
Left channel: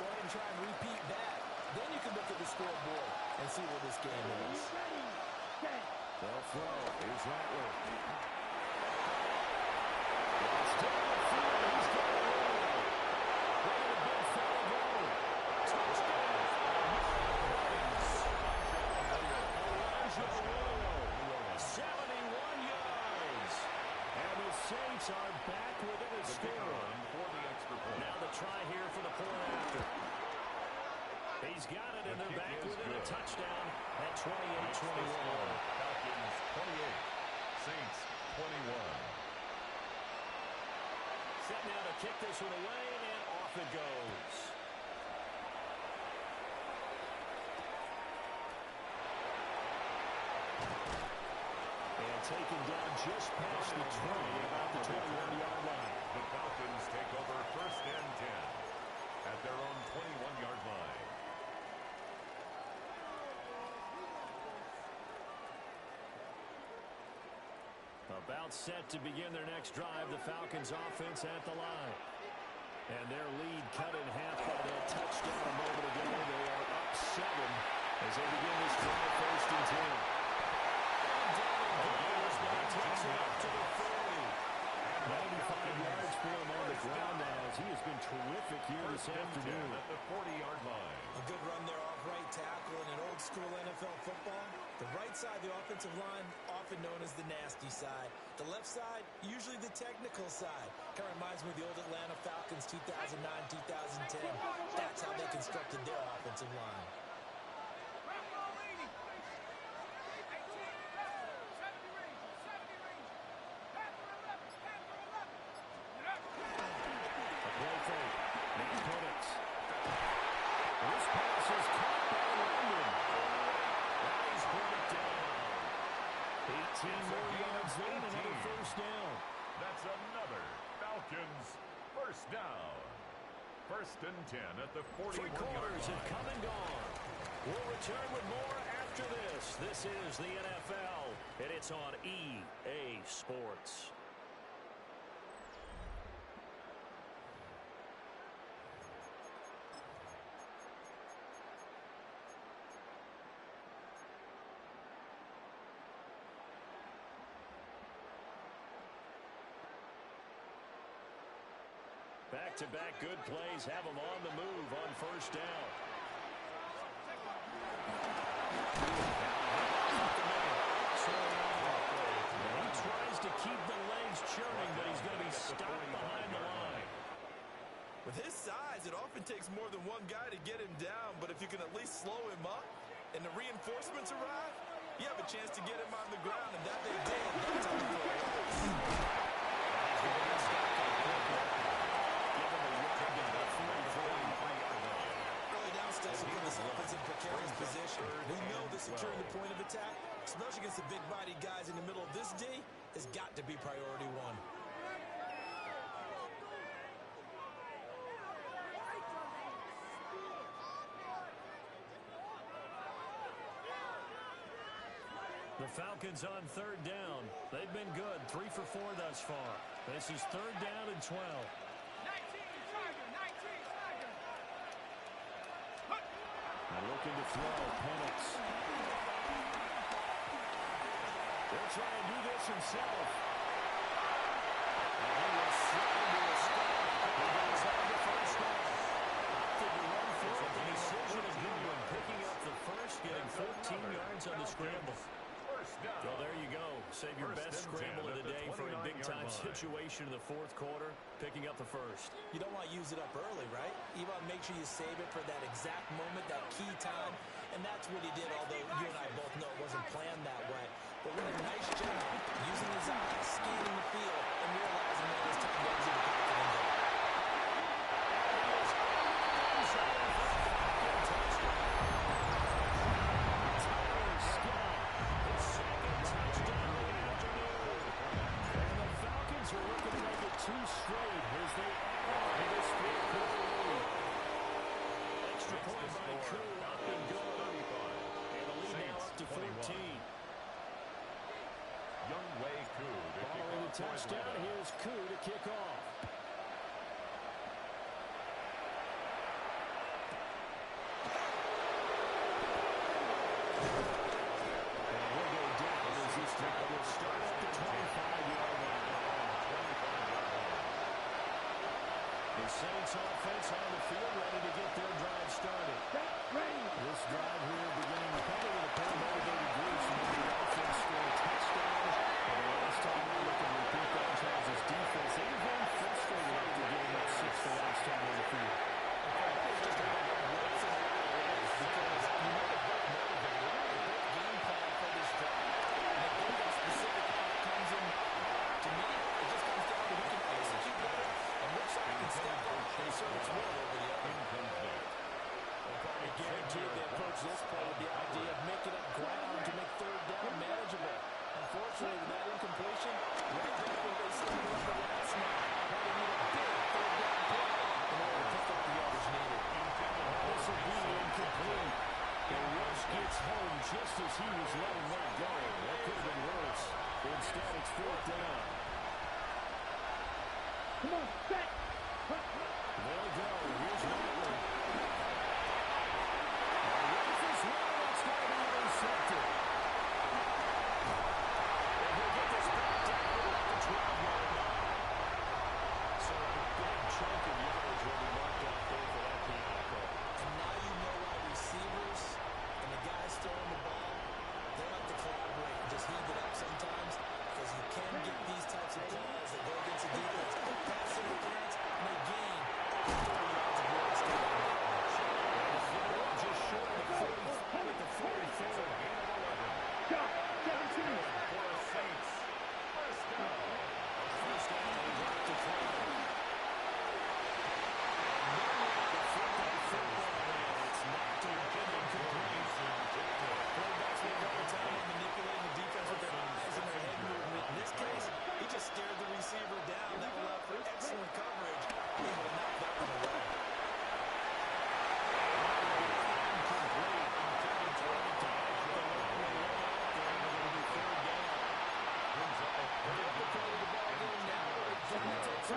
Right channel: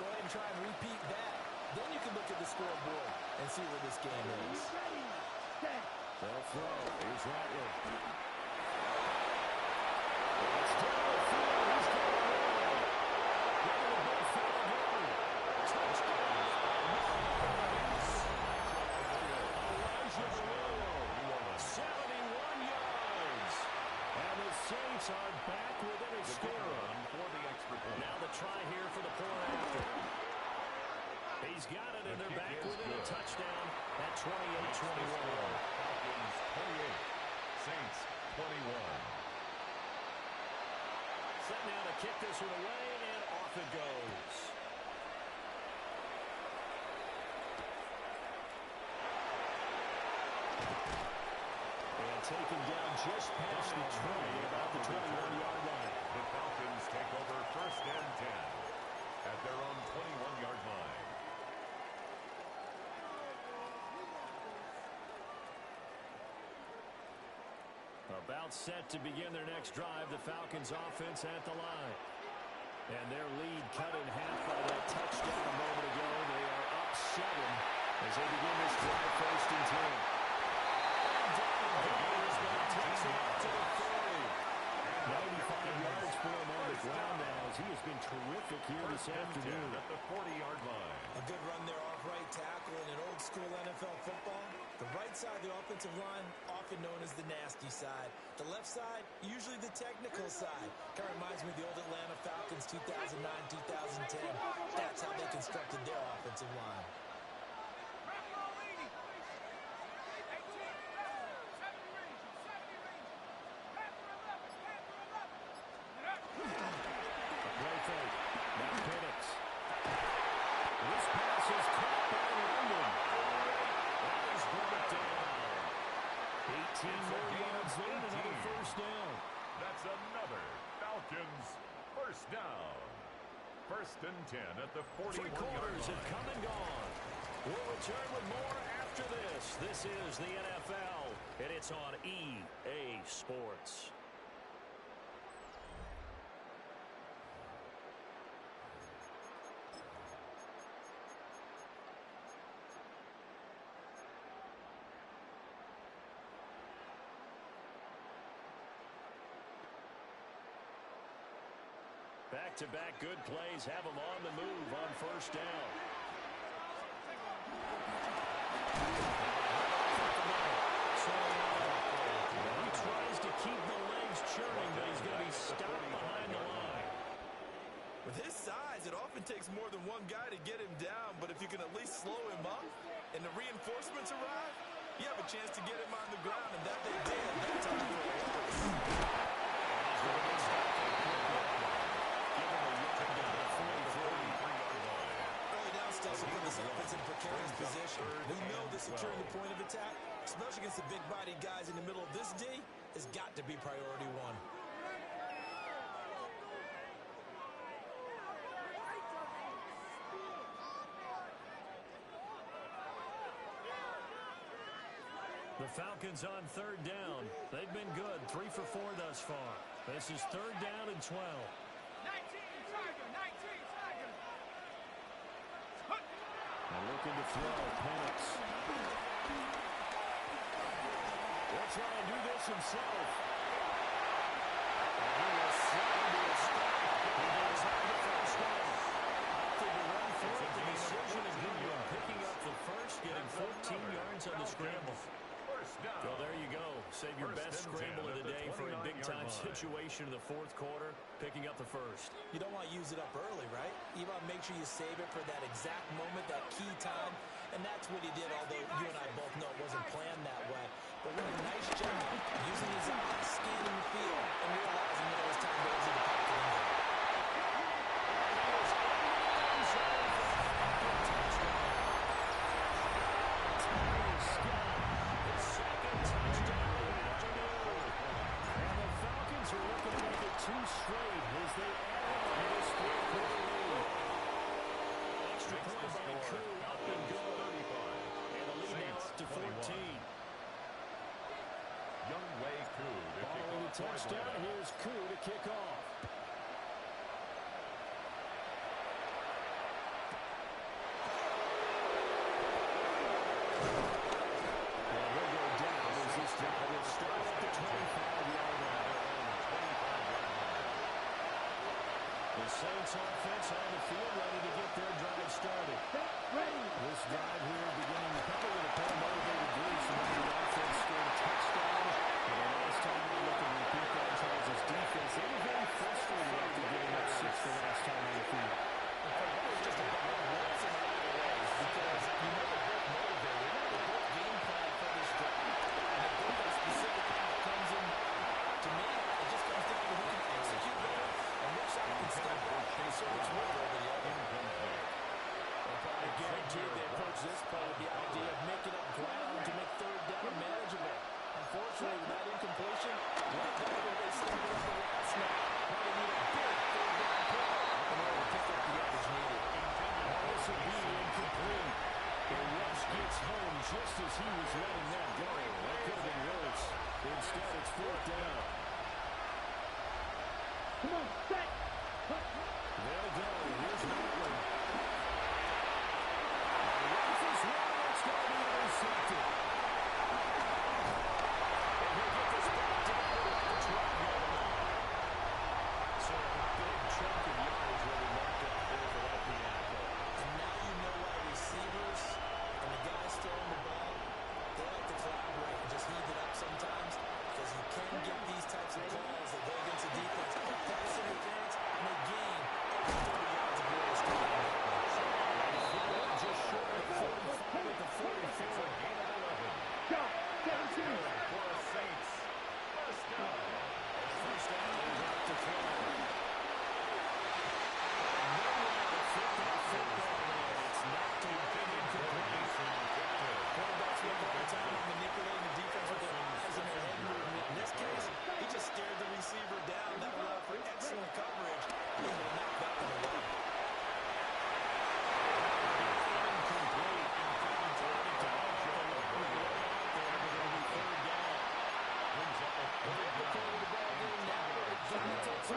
Go ahead and try and repeat that. Then you can look at the scoreboard and see where this game is. They'll throw. Here's Rattler. It's down the field. He's got a roll. Look at the big fella go. Touchdown. Elijah Royal. 71 yards. And the Saints are back within a score. For the extra point. Now the try here for the point after. He's got it, and they're back within a touchdown at 28-21. Falcons 28. Saints 21. Set now to kick this one away, and off it goes. And taken down just past the 20, about the 21-yard line. The Falcons take over 1st and 10 at their own 21-yard line. About set to begin their next drive, the Falcons offense at the line. And their lead cut in half by that touchdown a moment ago. They are up 7 as they begin this drive 1st and 10. And down it goes, but he takes it up to the 40. 95 yards for him on the ground now as he has been terrific here this afternoon. At the 40-yard line. A good run there off right tackle in an old-school NFL football. The right side of the offensive line, often known as the nasty side. The left side, usually the technical side. Kind of reminds me of the old Atlanta Falcons 2009-2010. That's how they constructed their offensive line. Another Falcons first down. 1st and 10 at the 41-yard line. Three quarters have come and gone. We'll return with more after this. This is the NFL, and it's on EA Sports. Back-to-back good plays have them on the move on first down. He tries to keep the legs churning, but he's going to be stopped behind the line. With his size, it often takes more than one guy to get him down, but if you can at least slow him up and the reinforcements arrive, you have a chance to get him on the ground, and that they did that time for a loss. He's going to get stopped. Still put this offense in precarious position. We know this will turn the point of attack, especially against the big-bodied guys in the middle of this D, has got to be priority one. The Falcons on 3rd down. They've been good, 3 for 4 thus far. This is 3rd down and 12. 19, Tiger, 19, Tiger. And looking to throw, Penix. He'll try and do this himself. And he will slide to a stop. He does have the first down. Opted to run for it. The decision a good one. Picking up the first, getting 14 yards on the scramble. So there you go. Save your best scramble of the day for a big-time situation in the 4th quarter, picking up the first. You don't want to use it up early, right? You want to make sure you save it for that exact moment, that key time, and that's what he did, although you and I both know it wasn't planned that way. But what a nice job using his eyes, scanning the field, and realizing that it was time to exit the pocket and go. Are looking to make it 2 straight as they add on to this 4th quarter lead. Extra point by Koo, up and good. And the lead now up to 14. Young Wei Koo to following the touchdown, here's Koo to kick off. And he'll go down as this drive will start at the 25-yard line. The Saints offense on the field, ready to get their drive started. This drive here beginning probably with a pair of motivated groups. Remember, the offense scored a touchdown. And the last time they look and repeat that Charles' defense, they were very frustrated after giving up 6 the last time on the field. And Frank, it was just a big works in a lot of ways because you know they're both motivated. They both game plan for this drive. And they both have specific outcomes in mind. To me, it just comes down to who can execute better and which side can step up and assert its will over the other. I guarantee they approach this play with the idea of making up ground to make 3rd down manageable. Unfortunately, with that incompletion, right there where they started up the last snap. Now they need a big 3rd down play in order to pick up the yardage needed. This will be incomplete. The rush gets home just as he was letting that go. That could have been worse. Instead, it's 4th down. Come on, set. They'll go. Here's Maitland. Rifles one. That's going to be intercepted. And he'll get this back down at the 12-yard line. So a big chunk of yardage will be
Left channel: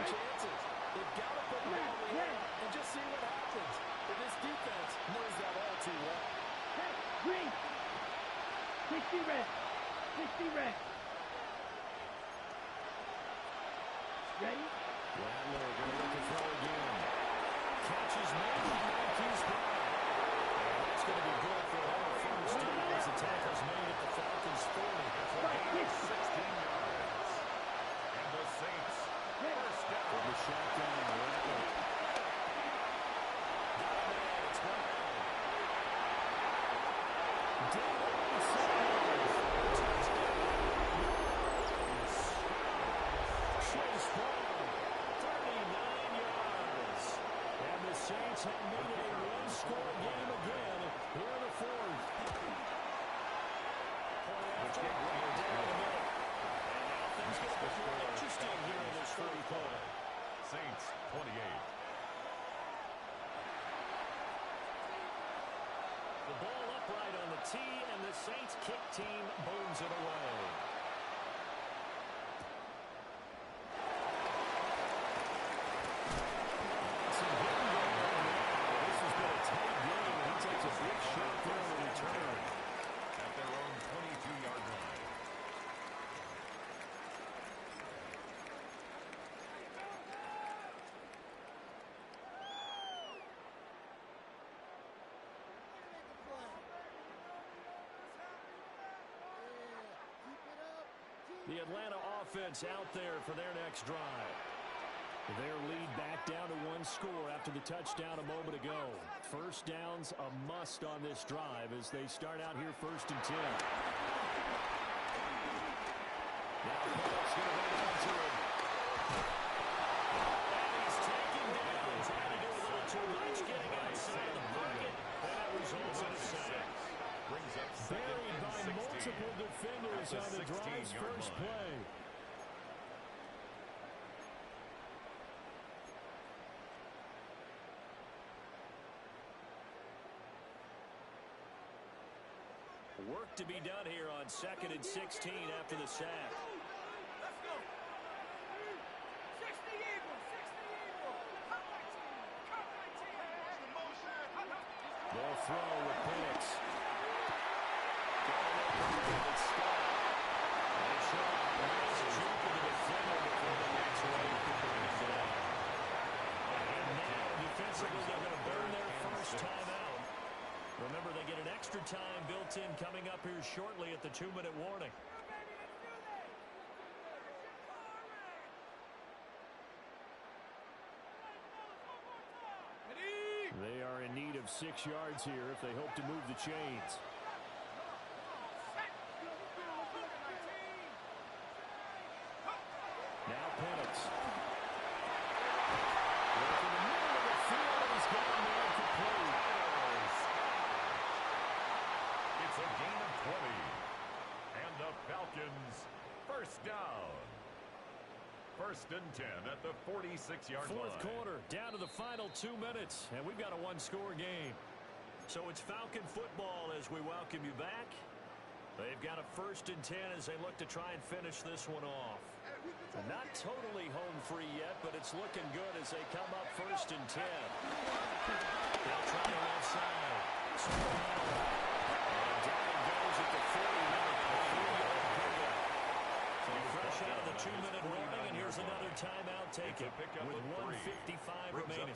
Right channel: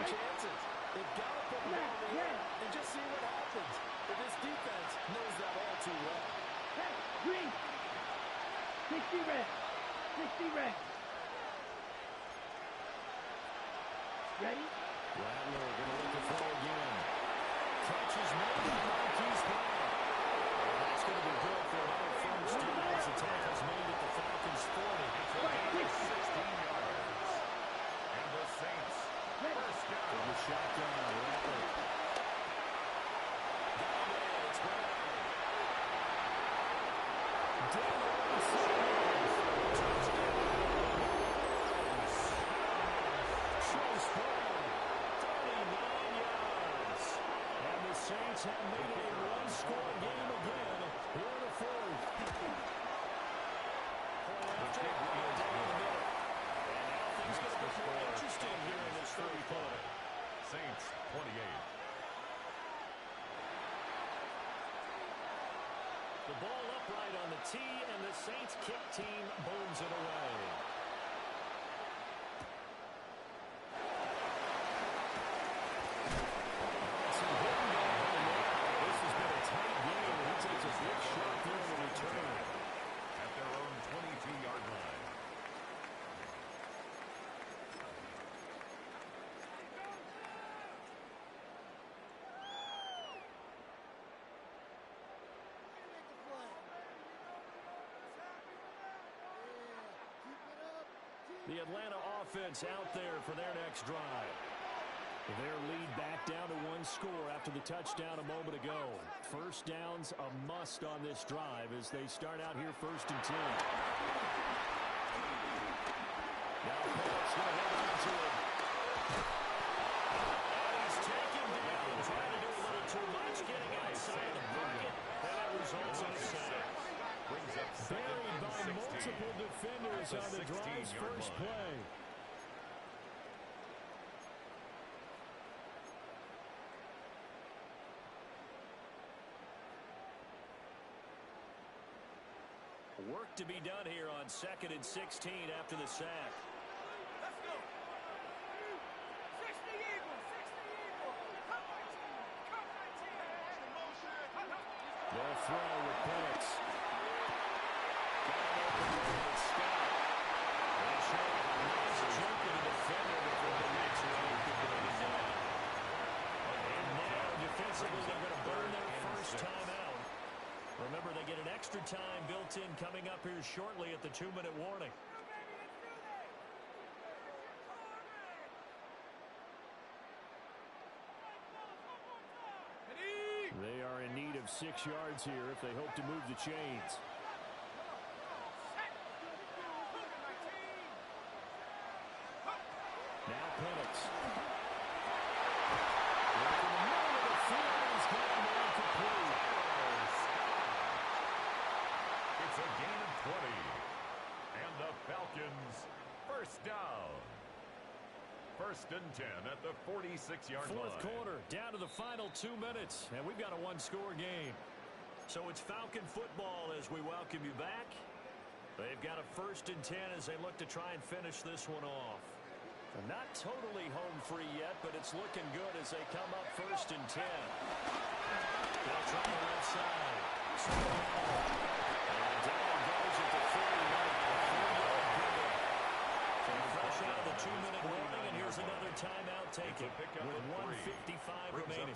chances. They've got to put the ball in the air and just see what happens. But this defense knows that all too well. Hey, green. 60 red. 60 red. Ready? Rattler going to look to throw again. Catch is made by Marquise Brown. And that's going to be good for another first down as the tackle's made at the Falcons' 40. It's a gain of 16 yards. And the Saints, first down. From the shotgun, Rattler. Got him in. It's Brown. Down the right side. Touchdown. Chase Brown, 39 yards. And the Saints have made it a one-score game again here in the fourth. Point after, running down the middle. And now things get a bit more interesting here in this third quarter. Saints, 28. The ball upright on the tee, and the Saints kick team booms it away. This has been a tight game, and he takes a big shot there in the return. At their own 22-yard line. The Atlanta offense out there for their next drive. Their lead back down to one score after the touchdown a moment ago. First down's a must on this drive as they start out here first and 10. Now Phillips going to hold on to it. And he's taken down, trying to do a little too much, getting outside the pocket, and that results in a sack. Brings up second Buried by and 16. multiple defenders on the drive's first play. Work to be done here on 2nd and 16 after the sack. Let's go. 60 Eagles. 60 Eagles. Cut my team. Cut my team. They'll throw with Penix. Got an open man with Scott. They show a nice juke of the defender before the next wave could bring it down. And now defensively they're going to burn their first timeout. Remember, they get an extra time built in coming up here shortly at the 2-minute warning. They are in need of 6 yards here if they hope to move the chains. Now Penix. Work in the middle of the field, and he's got a man complete. It's a gain of 20. And the Falcons, first down. First and 10 at the 46-yard line. Fourth quarter, down to the final 2 minutes, and we've got a one-score game. So it's Falcon football as we welcome you back. They've got a first and 10 as they look to try and finish this one off. Not totally home free yet, but it's looking good as they come up first and 10. They'll try the left side. Soriano. And down it goes at the 40-yard line. So fresh out of the 2-minute warning, and here's another timeout taken with 1:55 remaining.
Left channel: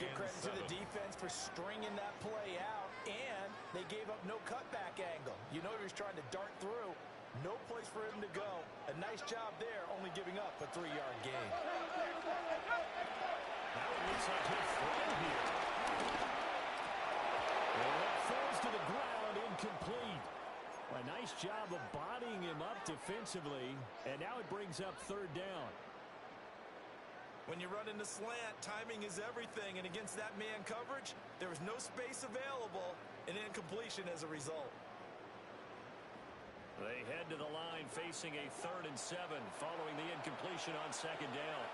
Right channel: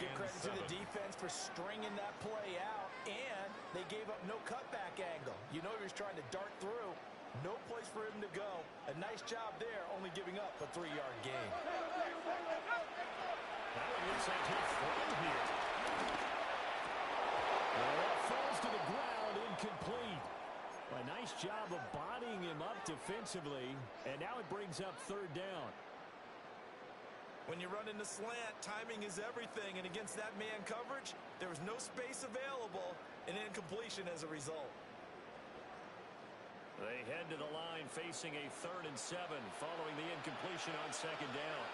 Give credit to the defense for stringing that play out, and they gave up no cutback angle. You know he was trying to dart through. No place for him to go. A nice job there, only giving up a 3-yard gain. Now it looks like he'll throw here. Well, that falls to the ground, incomplete. A nice job of bodying him up defensively, and now it brings up third down. When you run into slant, timing is everything, and against that man coverage, there was no space available, and incompletion as a result. They head to the line facing a 3rd and 7 following the incompletion on second down.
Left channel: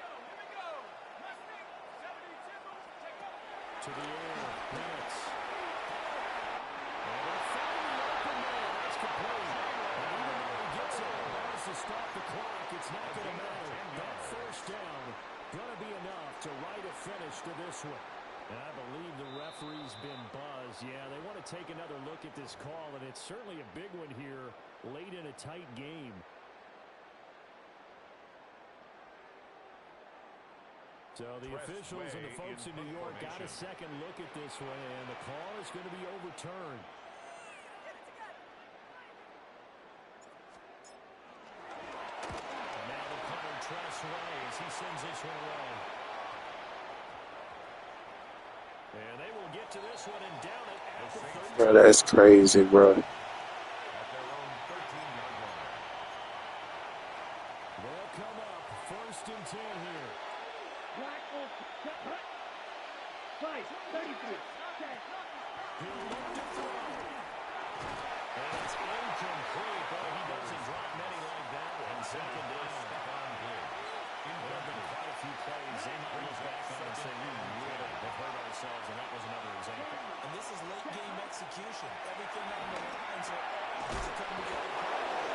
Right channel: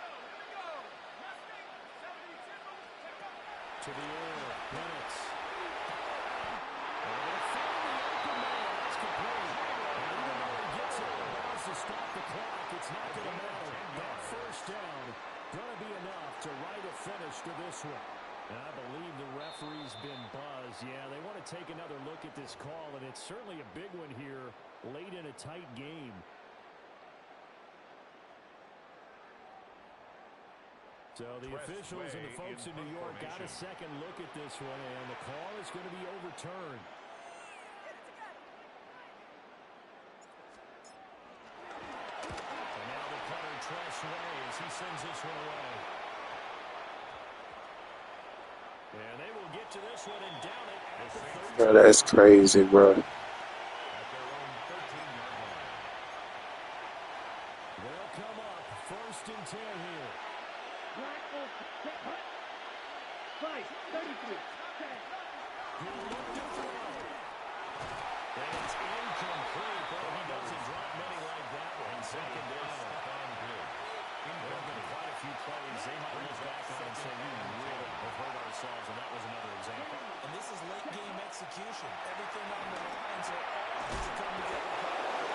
To the air, Penix. And they're finding the open man. That's complete. And even though he gets it, allows to stop the clock, it's not going to matter. That first down Going to be enough to write a finish to this one. And I believe the referee's been buzzed. Yeah, they want to take another look at this call, and it's certainly a big one here late in a tight game. So the officials and the folks in New York got a second look at this one, and the call is going to be overturned. And now the punter Tress Way as he sends this one away. And they will get to this one and down it at the 13. Bro, that's crazy, bro. At their own 13-yard line. They'll come up 1st and 10 here. Black Olsen, set, hut. 5, 33, 10. He'll look to throw. And it's incomplete. Oh, he doesn't drop many like that one. Second down. There have been quite a few plays they might look back on and say, we really have hurt ourselves, and that was another example. And this is late game execution. Everything on the line, so all has to come together properly.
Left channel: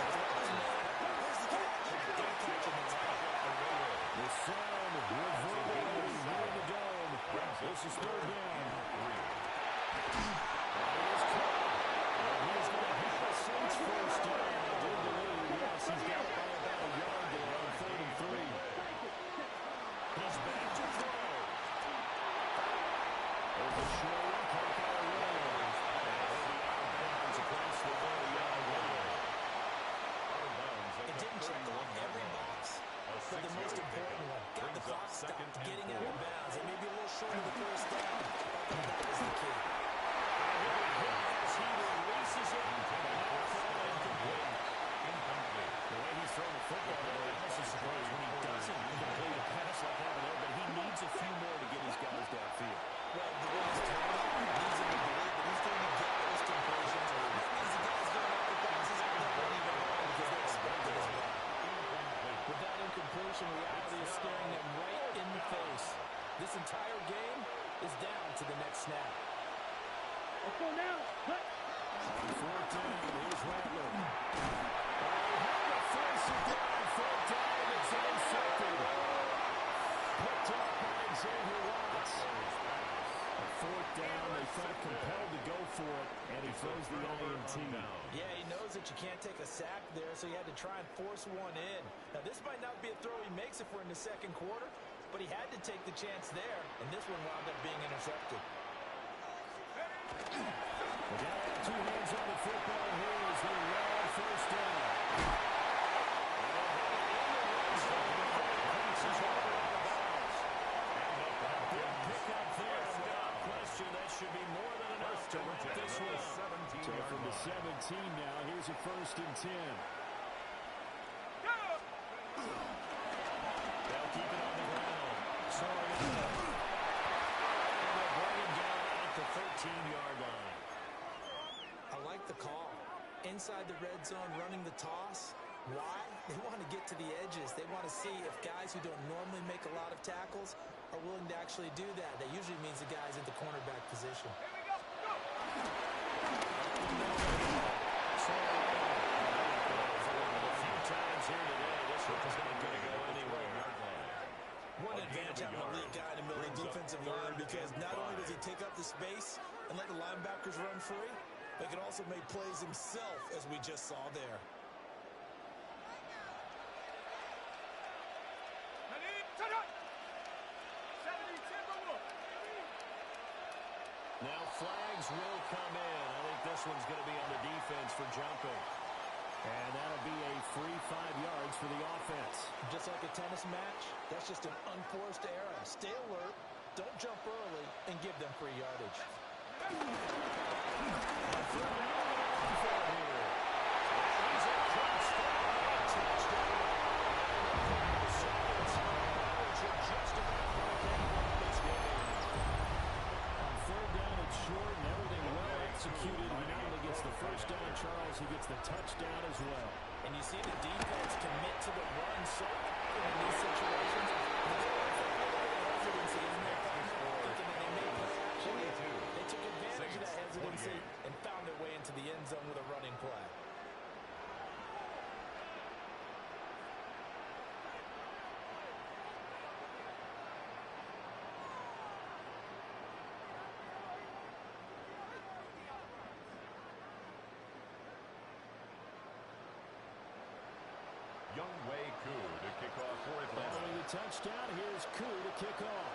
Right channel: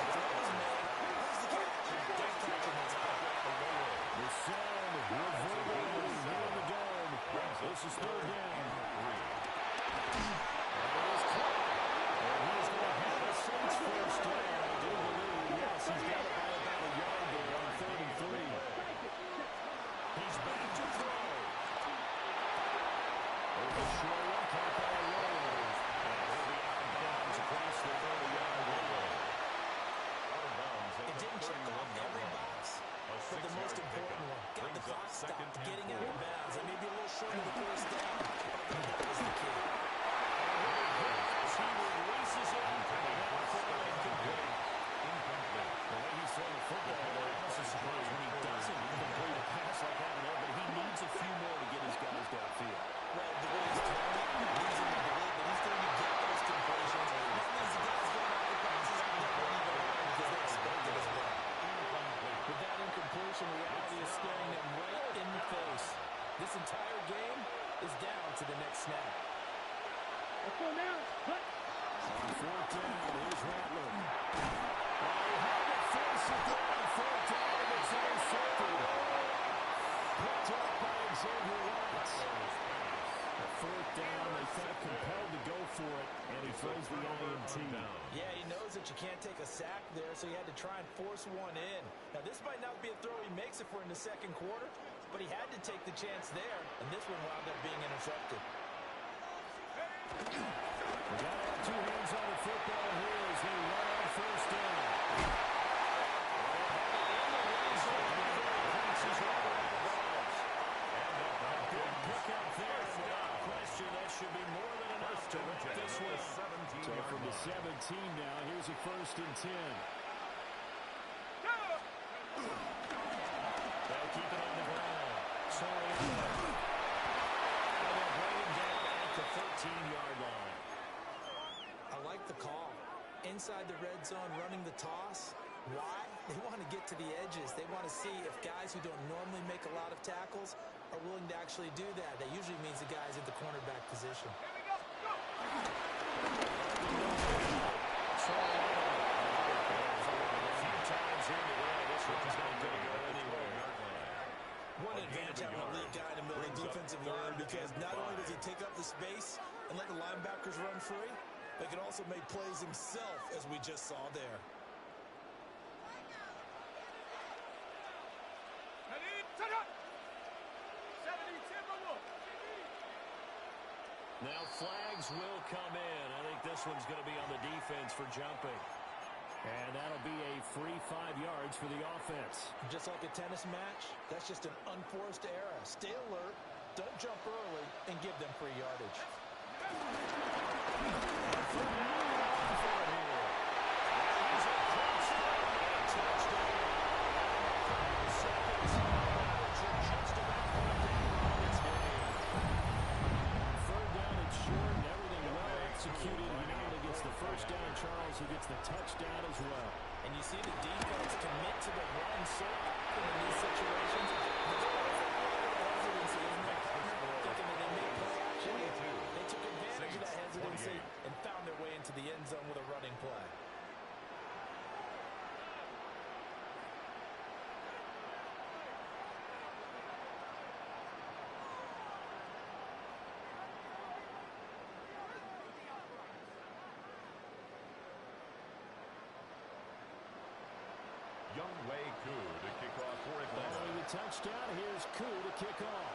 The throw is made. Where's the catch? Don't catch him. It's out. The sound reverberating here in the dome. This is 3rd down. And he is caught. And he is going to have the Saints 1st down. I do believe, yes, he's got it by about a yard there on 3rd and 3. He's back to throw. There's a short one caught by a roller. And he'll be out of bounds across the 30-yard line. It didn't check off every box, but the most important one. Got the clock stopped, getting out of bounds. It may be a little short of the 1st down, but that was the key. He releases it, and now throw incomplete. The way he's throwing the football, I was surprised when he doesn't complete a pass like that there, but he needs a few more to get his guys downfield. Well, the way he's throwing it leads him to believe that he's going to get those completions. That means the guys going out with bounces out there won't even run because they expect it as well. With that incompletion, reality is staring them right in the face. This entire game is down to the next snap. Let's go now. Hut. On 4th down, here's Rattler. He had to force it down. 4th down, and it's intercepted. Picked up by Xavier Watts. At 4th down, they felt compelled to go for it, and he throws the INT. Yeah, he knows that you can't take a sack there, so he had to try and force one in. Now, this might not be a throw he makes if we're in the 2nd quarter, but he had to take the chance there, and this one wound up being intercepted. We got to have 2 hands on the football here as they run 1st down. And they'll have it in the red zone before the pass is right out of bounds. A big pickup there, and without question, that should be more than enough to wrap this one up. So from the 17 now, here's a 1st and 10. They'll keep it on the ground. Soriano. And they'll bring him down at the 13-yard line. I like the call. Inside the red zone, running the toss. Why? They want to get to the edges. They want to see if guys who don't normally make a lot of tackles are willing to actually do that. That usually means the guy's in the cornerback position. Here we go. Go. A few times here today, this one's not going to go anywhere. One advantage having a lead guy in the middle of the defensive line because not only does he take up the space and let the linebackers run free, but he can also make plays himself, as we just saw there. Now flags will come in. I think this one's going to be on the defense for jumping. And that'll be a free 5 yards for the offense. Just like a tennis match, that's just an unforced error. Stay alert, don't jump early, and give them free yardage. Short and everything well executed. He not only gets the 1st down, Charles, he gets the touchdown as well. And you see the defense commit to the run so often in these situations. There's always a little bit of hesitancy, isn't there, partner? Thinking that they may play action. They took advantage of that hesitancy and found their way into the end zone with a running play. Young Wei Koo to kick off for Atlanta. Following the touchdown, here's Koo to kick off.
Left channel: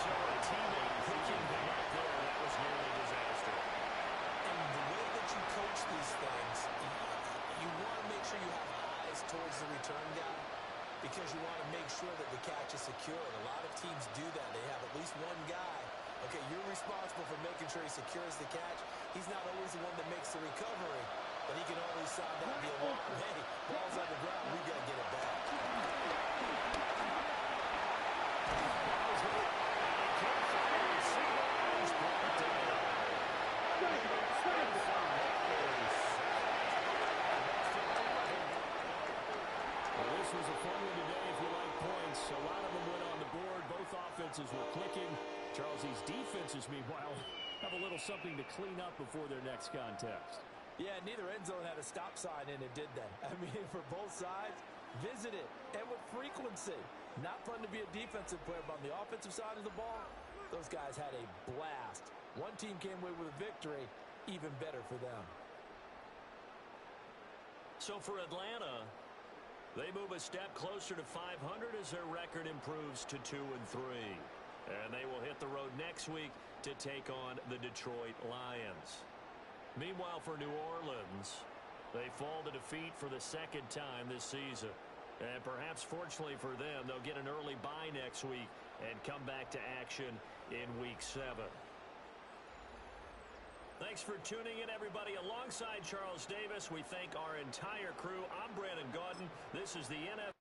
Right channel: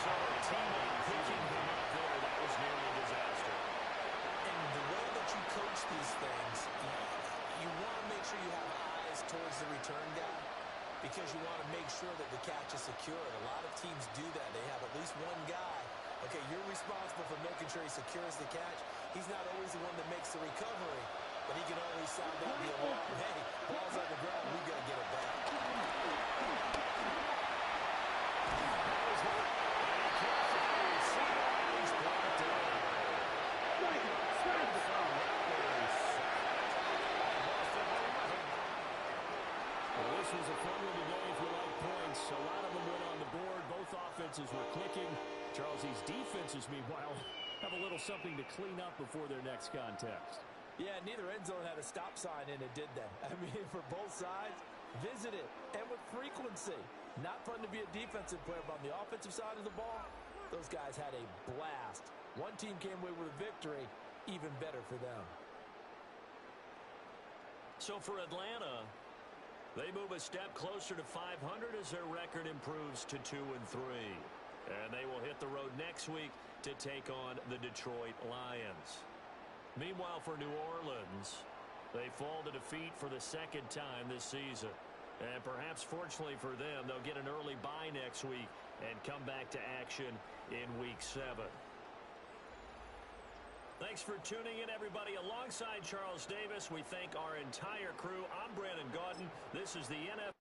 So a teammate picking him up there, that was nearly disaster. And the way that you coach these things, you want to make sure you have eyes towards the return guy because you want to make sure that the catch is secure. And a lot of teams do that. They have at least one guy. Okay, you're responsible for making sure he secures the catch. He's not always the one that makes the recovery, but he can always sound out the alarm. Hey, ball's on the ground. We got to get it back. That was the... And he can't find the receiver. He's brought down. Well, this was a fun one today if you like points. A lot of them went on the board. Both offenses were clicking. Charles, these defenses, meanwhile, have a little something to clean up before their next contest. Yeah, neither end zone had a stop sign in it, did they? I mean, for both sides, visit it, and with frequency. Not fun to be a defensive player, but on the offensive side of the ball, those guys had a blast. One team came away with a victory, even better for them. So for Atlanta, they move a step closer to 500 as their record improves to 2-3. And they will hit the road next week to take on the Detroit Lions. Meanwhile, for New Orleans, they fall to defeat for the second time this season. And perhaps fortunately for them, they'll get an early bye next week and come back to action in Week 7. Thanks for tuning in, everybody. Alongside Charles Davis, we thank our entire crew. I'm Brandon Gaudin. This is the NFL.